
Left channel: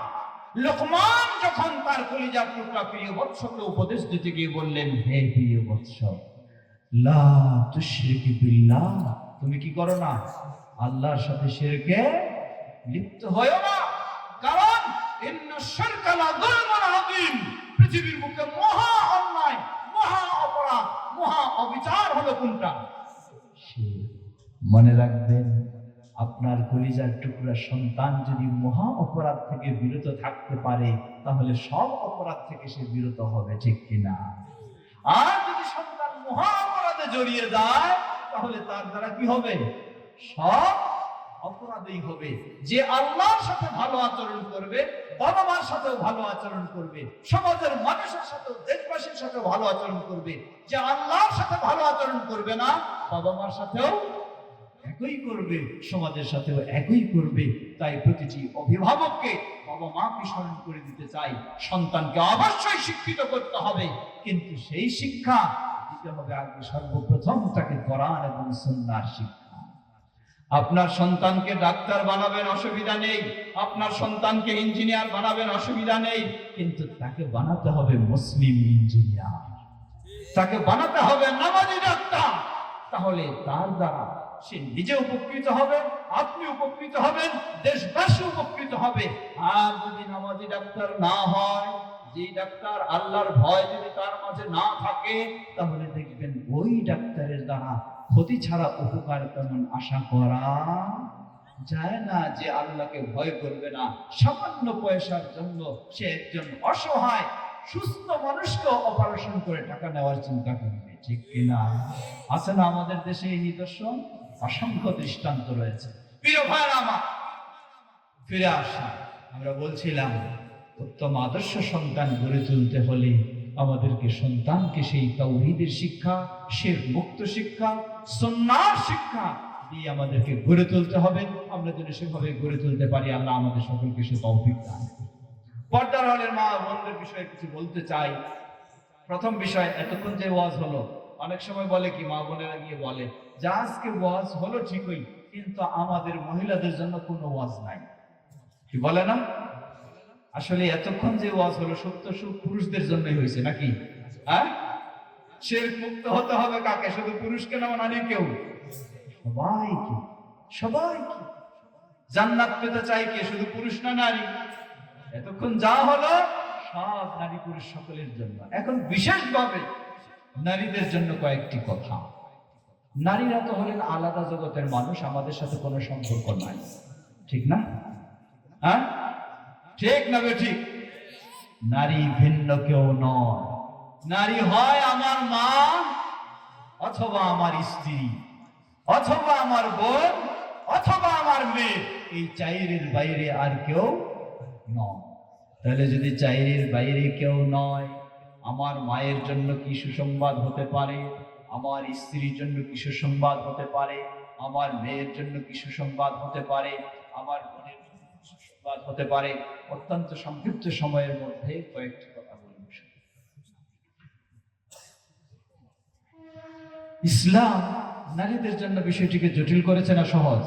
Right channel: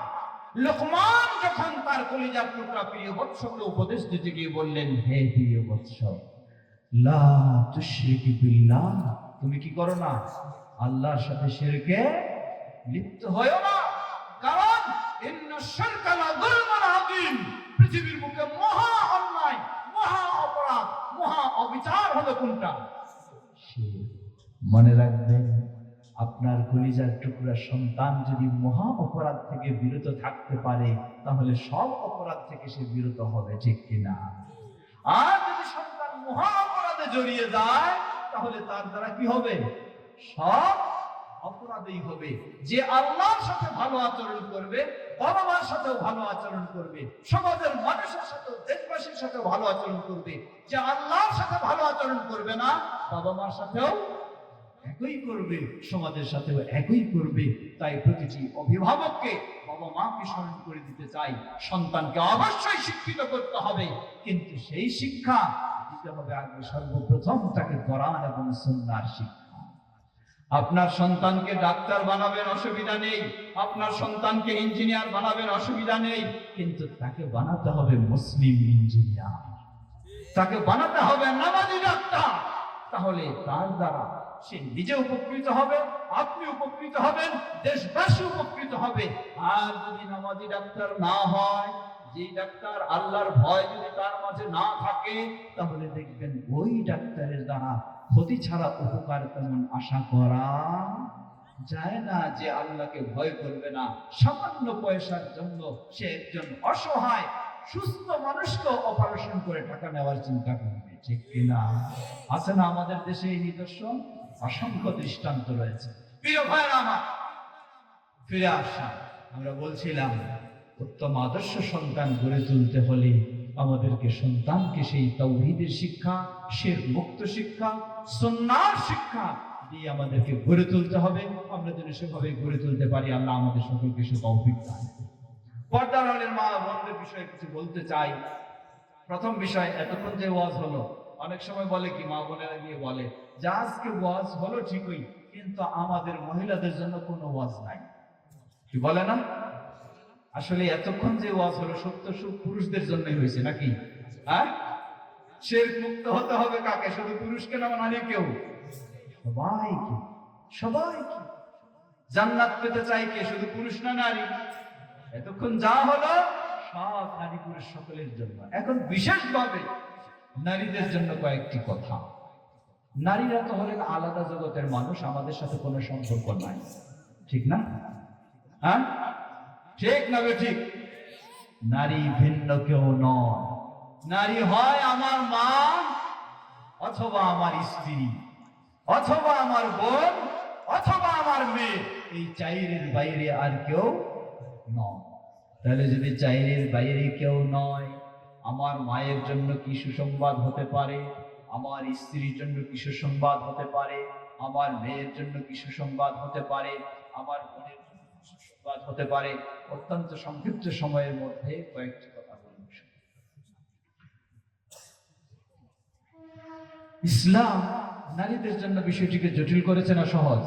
লুকমান যখন তার কলিজার টুকরা প্রিয় বৎসকে উপদেশ দিতে গিয়ে বললেন, হে প্রিয় বৎস, লা তুশরিক বিল্লাহ, তুমি কি করো না? আল্লাহর সাথে শিরকে লিপ্ত হয় না। কারণ ইন্নাশ শিরকা লাযুলমুন আযীম, পৃথিবীর বুকে মহা অন্যায়, মহা অপরাধ, মহা অবিচার হলো কোনটা? মনে রাখবেন, আপনার কলিজার টুকরা সন্তান যদি মহা অপরাধ থেকে বিরত থাকতে পারে, তাহলে সব অপরাধ থেকে সে বিরত হবে, ঠিক কিনা? আর যদি সন্তান মহা অপরাধে জড়িয়ে যায়, তাহলে তার দ্বারা কি হবে? সব অপরাধই হবে। যে আল্লাহর সাথে ভালো আচরণ করবে, বাবা মার সাথেও ভালো আচরণ করবে, সমাজের মানুষের সাথেও, দেশবাসীর সাথেও ভালো আচরণ করবে। যে আল্লাহর সাথে ভালো আচরণ করবে না, বাবা মার সাথেও একই করবে, সমাজের সাথেও একই করবে। তাই প্রতিটি অভিভাবককে বাবা মাকে স্মরণ করে দিতে চাই, সন্তানকে অবশ্যই শিক্ষিত করতে হবে, কিন্তু সেই শিক্ষা দিতে হবে আগে সর্বপ্রথম তাকে কোরআন এবং সুন্নাহর শিক্ষা। আপনার সন্তানকে ডাক্তার বানাবেন, অসুবিধা নেই, আপনার সন্তানকে ইঞ্জিনিয়ার বানাবেন, অসুবিধা নেই, কিন্তু তাকে বানাতে হবে মুসলিম ইঞ্জিনিয়ার, তাকে বানাতে হবে নামাজি ডাক্তার। তাহলে তার দ্বারা সে নিজে উপকৃত হবে, আপনি উপকৃত হবেন, দেশবাসী উপকৃত হবে। আর যদি নামাজি ডাক্তার না হয়, যে ডাক্তার আল্লাহর ভয় যদি তার মাঝে না থাকে, তাহলে দেখবেন ওই ডাক্তারের দ্বারা ক্ষতি ছাড়া উপকার তেমন আশা করা যায় না। যে আল্লাহকে ভয় করবে না, সামান্য পয়সার জন্য সে একজন অসহায় সুস্থ মানুষকে অপারেশন করে টাকা নেওয়ার চিন্তা করবে, ঠিক কিনা? আছে না আমাদের দেশে এই নিদর্শন? অসংখ্য দৃষ্টান্ত রয়েছে। প্রিয় ভাইরা আমার, ফিরে আসা, আমরা বলছিলাম উত্তম আদর্শ সন্তান গড়ে তুলতে হলে আমাদেরকে সন্তানকে সেই তাওহীদের শিক্ষা, শিরক মুক্ত শিক্ষা, সুন্নাহর শিক্ষা দিয়ে আমাদেরকে গড়ে তুলতে হবে। আমরা যদি সেভাবে গড়ে তুলতে পারি, আল্লাহ আমাদের সকলকে সে তৌফিক দান করুন। পর্দার আড়ালের মা বোনদের বিষয়ে কিছু বলতে চাই। প্রথম বিষয়, এতক্ষণ যে ওয়াজ হলো, অনেক সময় বলে কি, মা বোনেরা গিয়ে বলে যে আজকে ওয়াজ হলো ঠিকই, কিন্তু আমাদের মহিলাদের জন্য কোনো ওয়াজ নাই, কি বলে না? আসলে এতক্ষণ যে ওয়াজ হলো সত্য পুরুষদের জন্যই হয়েছে নাকি? হ্যাঁ, শিরক মুক্ত হতে হবে কাকে? শুধু পুরুষকে না, নারীকেও, সবাইকে। সবাইকে জান্নাত পেতে চাই কে? শুধু পুরুষ না নারী? এতক্ষণ যা হলো সব নারী পুরুষ সকলের জন্য। এখন বিশেষভাবে নারীদের জন্য কয়েকটি কথা। নারীরা তো হলেন আলাদা জগতের মানুষ, আমাদের সাথে কোনো সম্পর্ক নাই, ঠিক না? হ্যাঁ, ঠিক না ঠিক? নারী ভিন্ন কেউ নয়, নারী হয় আমার মা, অথবা আমার স্ত্রী, অথবা আমার বোন, অথবা আমার মেয়ে। এই চাইরের বাইরে আর কেউ নয়। তাহলে যদি চাইরের বাইরে কেউ নয়, আমার মায়ের জন্য কি সুসংবাদ হতে পারে, আমার স্ত্রীর জন্য কি সুসংবাদ হতে পারে, আমার মেয়ের জন্য কি সুসংবাদ হতে পারে, আমার বোনের জন্য কি সুসংবাদ হতে পারে। অত্যন্ত সংক্ষিপ্ত সময়ের মধ্যে কয়েকটি কথা বলব। ইসলাম নারীদের জন্য বিষয়টিকে জটিল করেছে না সহজ?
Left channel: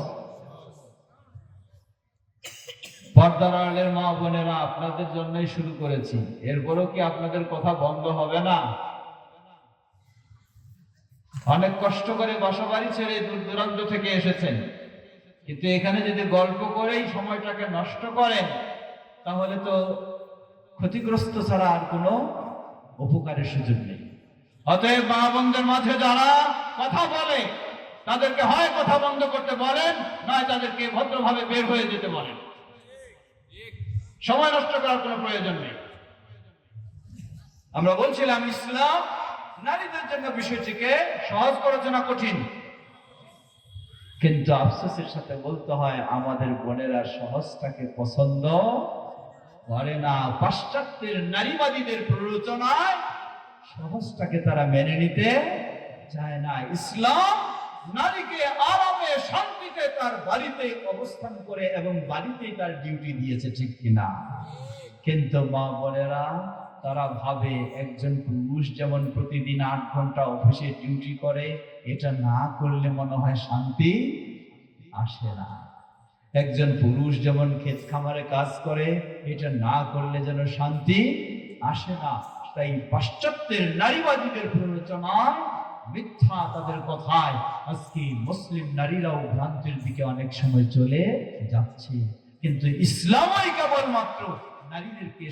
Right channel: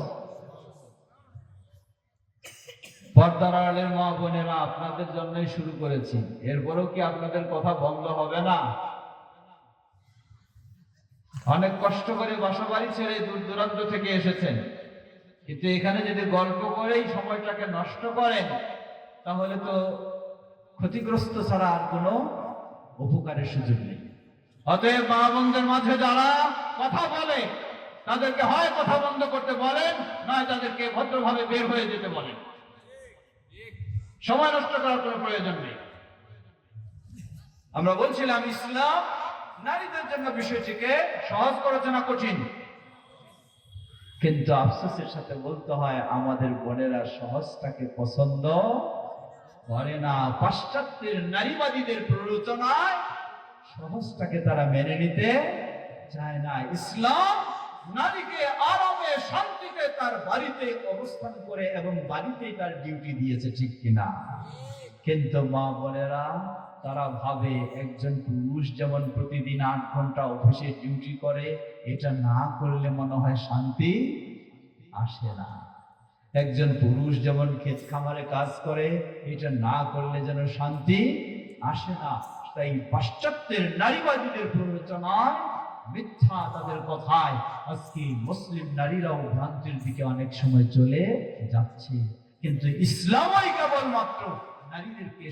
পর্দার আড়ালের মা বোনেরা, আপনাদের জন্যই শুরু করেছি, এরপরও কি আপনাদের কথা বন্ধ হবে না? অনেক কষ্ট করে বাসাবাড়ি ছেড়ে দূর দূরান্ত থেকে এসেছেন, কিন্তু এখানে যদি গল্প করেই সময়টাকে নষ্ট করেন, তাহলে তো ক্ষতিগ্রস্ত ছাড়া আর কোনো উপকারের সুযোগ নেই। অতএব মা বোনদের মাঝে যারা কথা বলে, তাদেরকে হয় কথা বন্ধ করতে বলেন, নয় তাদেরকে ভদ্রভাবে বের হয়ে যেতে বলেন। সময় নষ্ট করার কোনো প্রয়োজন নেই। আমরা বলছিলাম ইসলাম নারীদের জন্য বিষয়টিকে সহজ করেছে না কঠিন? কিন্তু আফসোসের সাথে বলতে হয়, আমাদের বোনেরা সহজটাকে পছন্দ করে না। পাশ্চাত্যের নারীবাদীদের প্ররোচনায় সহজটাকে তারা মেনে নিতে চায় না। ইসলাম নারীকে আরামে শান্তিতে তার বাড়িতে অবস্থান করে এবং বাড়িতেই তার ডিউটি দিয়েছে, ঠিক কিনা? কিন্তু মা বোনেরা তারা ভাবে একজন পুরুষ যেমন প্রতিদিন 8 ঘন্টা অফিসে ডিউটি করে, এটা না করলে মনে হয় শান্তি আসে না। একজন পুরুষ যেমন ক্ষেত খামারে কাজ করে, এটা না করলে যেন শান্তি আসে না। তাই পাশ্চাত্যের নারীবাদীদের প্ররোচনায়, মিথ্যা তাদের কথায় আজকে মুসলিম নারীরাও ভ্রান্তির দিকে অনেক সময় চলে যাচ্ছে। কিন্তু ইসলামই কেবলমাত্র নারীদেরকে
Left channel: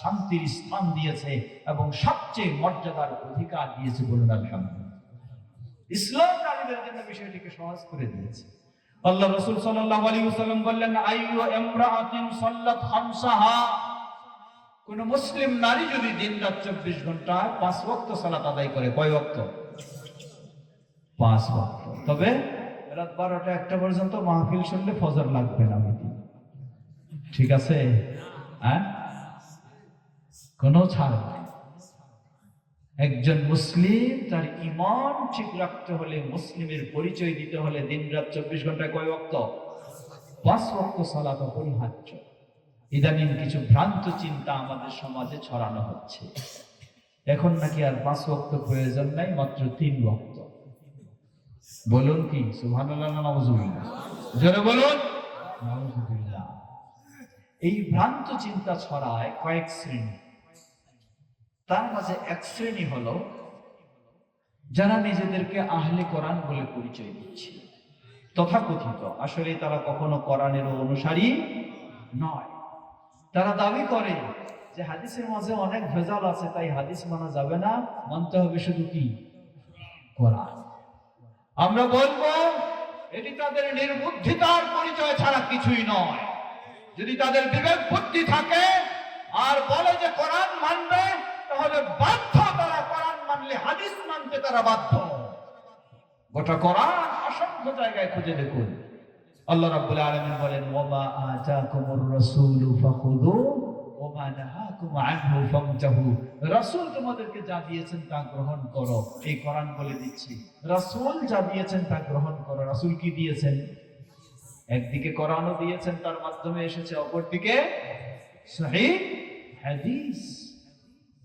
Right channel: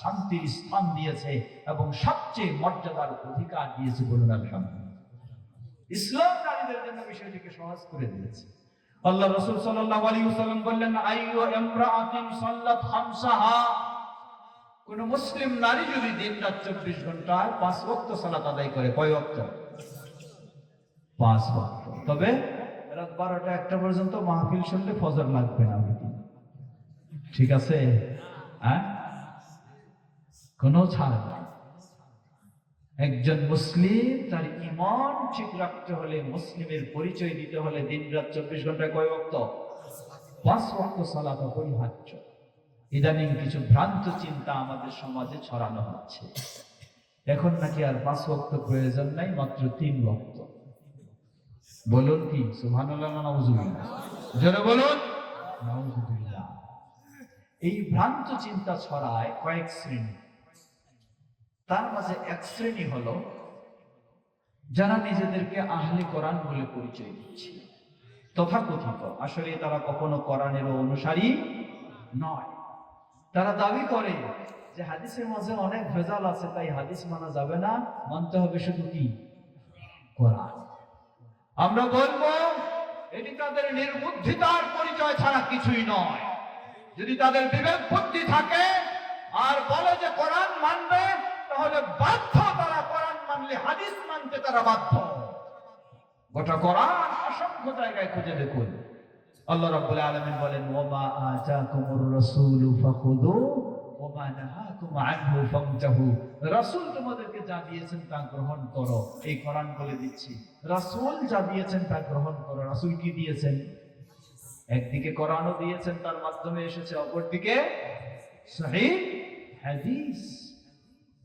শান্তির স্থান দিয়েছে এবং সবচেয়ে মর্যাদার অধিকার দিয়েছে। বলুন আলহামদুলিল্লাহ। ইসলাম নারীদের জন্য বিষয়টিকে সহজ করে দিয়েছে। আল্লাহ রাসূল সাল্লাল্লাহু আলাইহি ওয়াসাল্লাম বললেন, আইয়ু ইমরাআতিন সাল্লাত খামসাহা, কোন মুসলিম নারী যদি দিন-রাত 24 ঘন্টা 5 ওয়াক্ত সালাত আদায় করে। কয় ওয়াক্ত? 5 ওয়াক্ত। তবে রাত 12টা 1টা পর্যন্ত মাহফিল শুনলে ফজর লাগবে না। ঠিক আছে? হ্যাঁ, কোনো ছাড় নাই। একজন মুসলিম তার ঈমান ঠিক রাখতে হলে, মুসলিমের পরিচয় দিতে হলে দিন-রাত 24 ঘন্টায় কয় ওয়াক্ত? 5 ওয়াক্ত সালাত অপরিহার্য। ইদানিং কিছু ভ্রান্ত চিন্তা আমাদের সমাজে ছড়ানো হচ্ছে। এখন নাকি আর 5 ওয়াক্ত প্রয়োজন নাই, মাত্র 3 ওয়াক্ত। বলুন কি সুবহানাল্লাহ না নাউযুবিল্লাহ? জোরে বলুন নাউযুবিল্লাহ। এই ভ্রান্ত চিন্তা ছড়ায় কয়েক শ্রেণী। তার মাঝে এক শ্রেণী হলো যারা নিজেদেরকে আহলে কোরআন বলে পরিচয় দিচ্ছে, তথাকথিত। আসলে তারা কখনো কোরআনের অনুসারী নয়। তারা দাবি করে যে হাদিসের মাঝে অনেক ভেজাল আছে, তাই হাদিস মানা যাবে না, মানতে হবে শুধু কি? কোরআন। আমরা বলবো এটি তাদের নির্বুদ্ধিতার পরিচয় ছাড়া কিছুই নয়। যদি তাদের বিবেক বুদ্ধি থাকে আর বলে যে কোরআন মানবে, তাহলে বাধ্য তারা কোরআন মানলে হাদিস মানতে তারা বাধ্য। গোটা কোরআন অসংখ্য জায়গায় খুঁজে দেখুন। আল্লাহ রাব্বুল আলামিন বলেন, ওয়া আতাকুমুর রাসূলু ফাখুযু ওয়া মা নাহাকুম আনহু ফান্তাহু। রাসূল তোমাদেরকে যা দিয়েছেন তা গ্রহণ করো। এই কোরআন বলে দিচ্ছি, রাসূল যা দিয়েছেন তা গ্রহণ করো। রাসূল কি দিয়েছেন? একদিকে কোরআনও দিয়েছেন, তার মাধ্যমে এসেছে, অপরদিকে সহিহ হাদিস।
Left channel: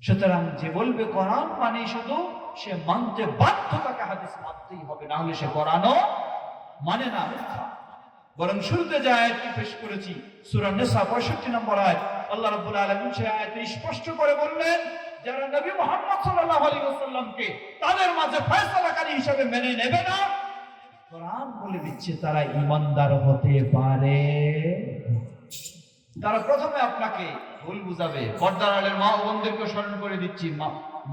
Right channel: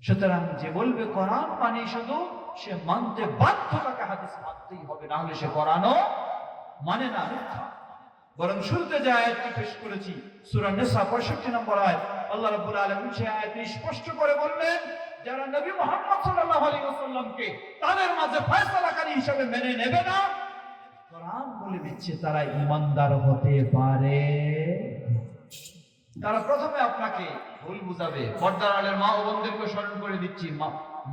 সুতরাং যে বলবে কোরআন মানে শুধু, সে মানতে বাধ্য, তাকে হাদিস মানতেই হবে, না হলে সে কোরআনও মানে না। বরং শুরুতে যে আয়াতটি পেশ করেছি সূরা নিসা 65 নম্বর আয়াত, আল্লাহ রাব্বুল আলামিন সেই আয়াতে স্পষ্ট করে বললেন, যারা নবী মুহাম্মদ সাল্লাল্লাহু আলাইহি ওয়াসাল্লামকে তাদের মাঝে ফয়সালাকারী হিসেবে মেনে নেবে না, কোরআন বলে দিচ্ছে তারা ঈমানদার হতে পারে। তারা প্রথমে আপনাকে ভুল বুঝাবে। পর্দার আড়ালের মা ও বোনদেরকে স্মরণ করে দিচ্ছি,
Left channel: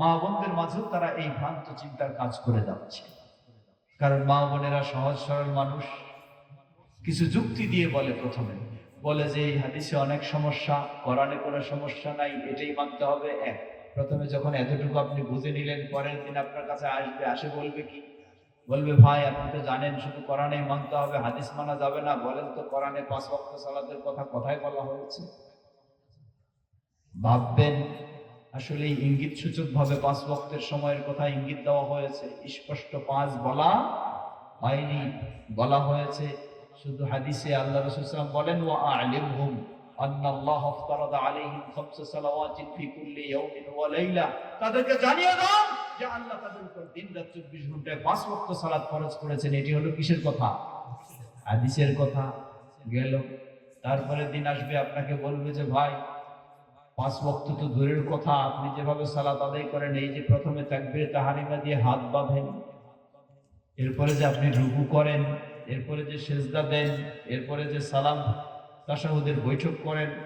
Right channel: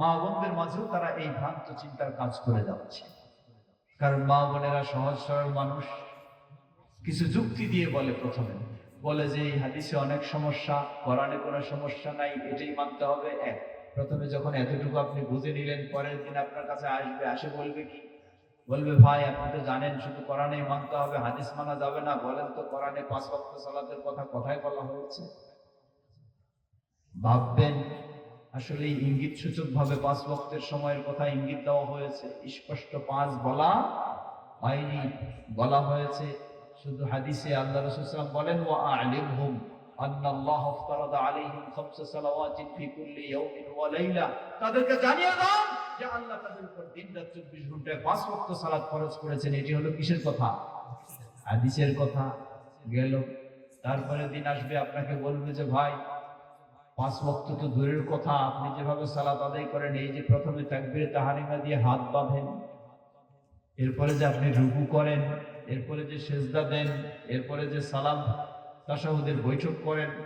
মা বোনদের মাঝেও তারা এই ভ্রান্ত চিন্তার কাজ করে যাচ্ছে। কারণ মা বোনেরা সহজ সরল মানুষ, কিছু যুক্তি দিয়ে বলে প্রথমে, বলে যে এই হাদিসে অনেক সমস্যা, কোরআনে কোনো সমস্যা নাই, এটাই মানতে হবে। এক, প্রথমে যখন এতটুকু আপনি বুঝে নিলেন, পরের দিন আপনার কাছে আসবে, আসে বলবে কি? বলবে ভাই আপনি তো জানেন শুধু কোরআনেই মানতে হবে, হাদিস মানা যাবে না। বলেন তো কোরআনে 5 ওয়াক্ত সালাতের কথা কোথায় বলা হয়েছে? ভাববেন আসলে ইঙ্গিত সূচক ভাবে 5 ওয়াক্তের সময়ের কথা ইঙ্গিত দেওয়া হয়েছে, স্পষ্ট 5 বলা হয়নি। বলা হয়েছে শুধু হাদিসে আল্লাহ রাসূল সাল্লাল্লাহু আলাইহি ওয়াসাল্লাম বলেন ওয়া আ'লিমহুম আন্নাল্লাহ ইফতারাদা আলাইহিম 5 সালাওয়াতিন ফি কুল্লি ইয়াউমিন ওয়া লাইলা। তাদেরকে জানিয়ে দাও যে আল্লাহ তাদের উপর দিন রাত 24 ঘন্টায় 5 ওয়াক্ত সালাত ফরজ করেছেন। এটি হলো কিসের কথা? হাদিসের কথা গেল। তারপরে দিন আসবে আপনাকে বলবে যে ভাই 5 ওয়াক্ত তো দূরের কথা, আপনি যেভাবে সালাত আদায় করেন, এই যে প্রথমে তাকবীরে তাহরিমা দিয়ে হাত বাঁধেন, এরপরে যে আপনি রুকু করেন, এরপরে যে সেজদা দেন, এরপরে যে সালাম তাশাহুদের বৈঠক করেন,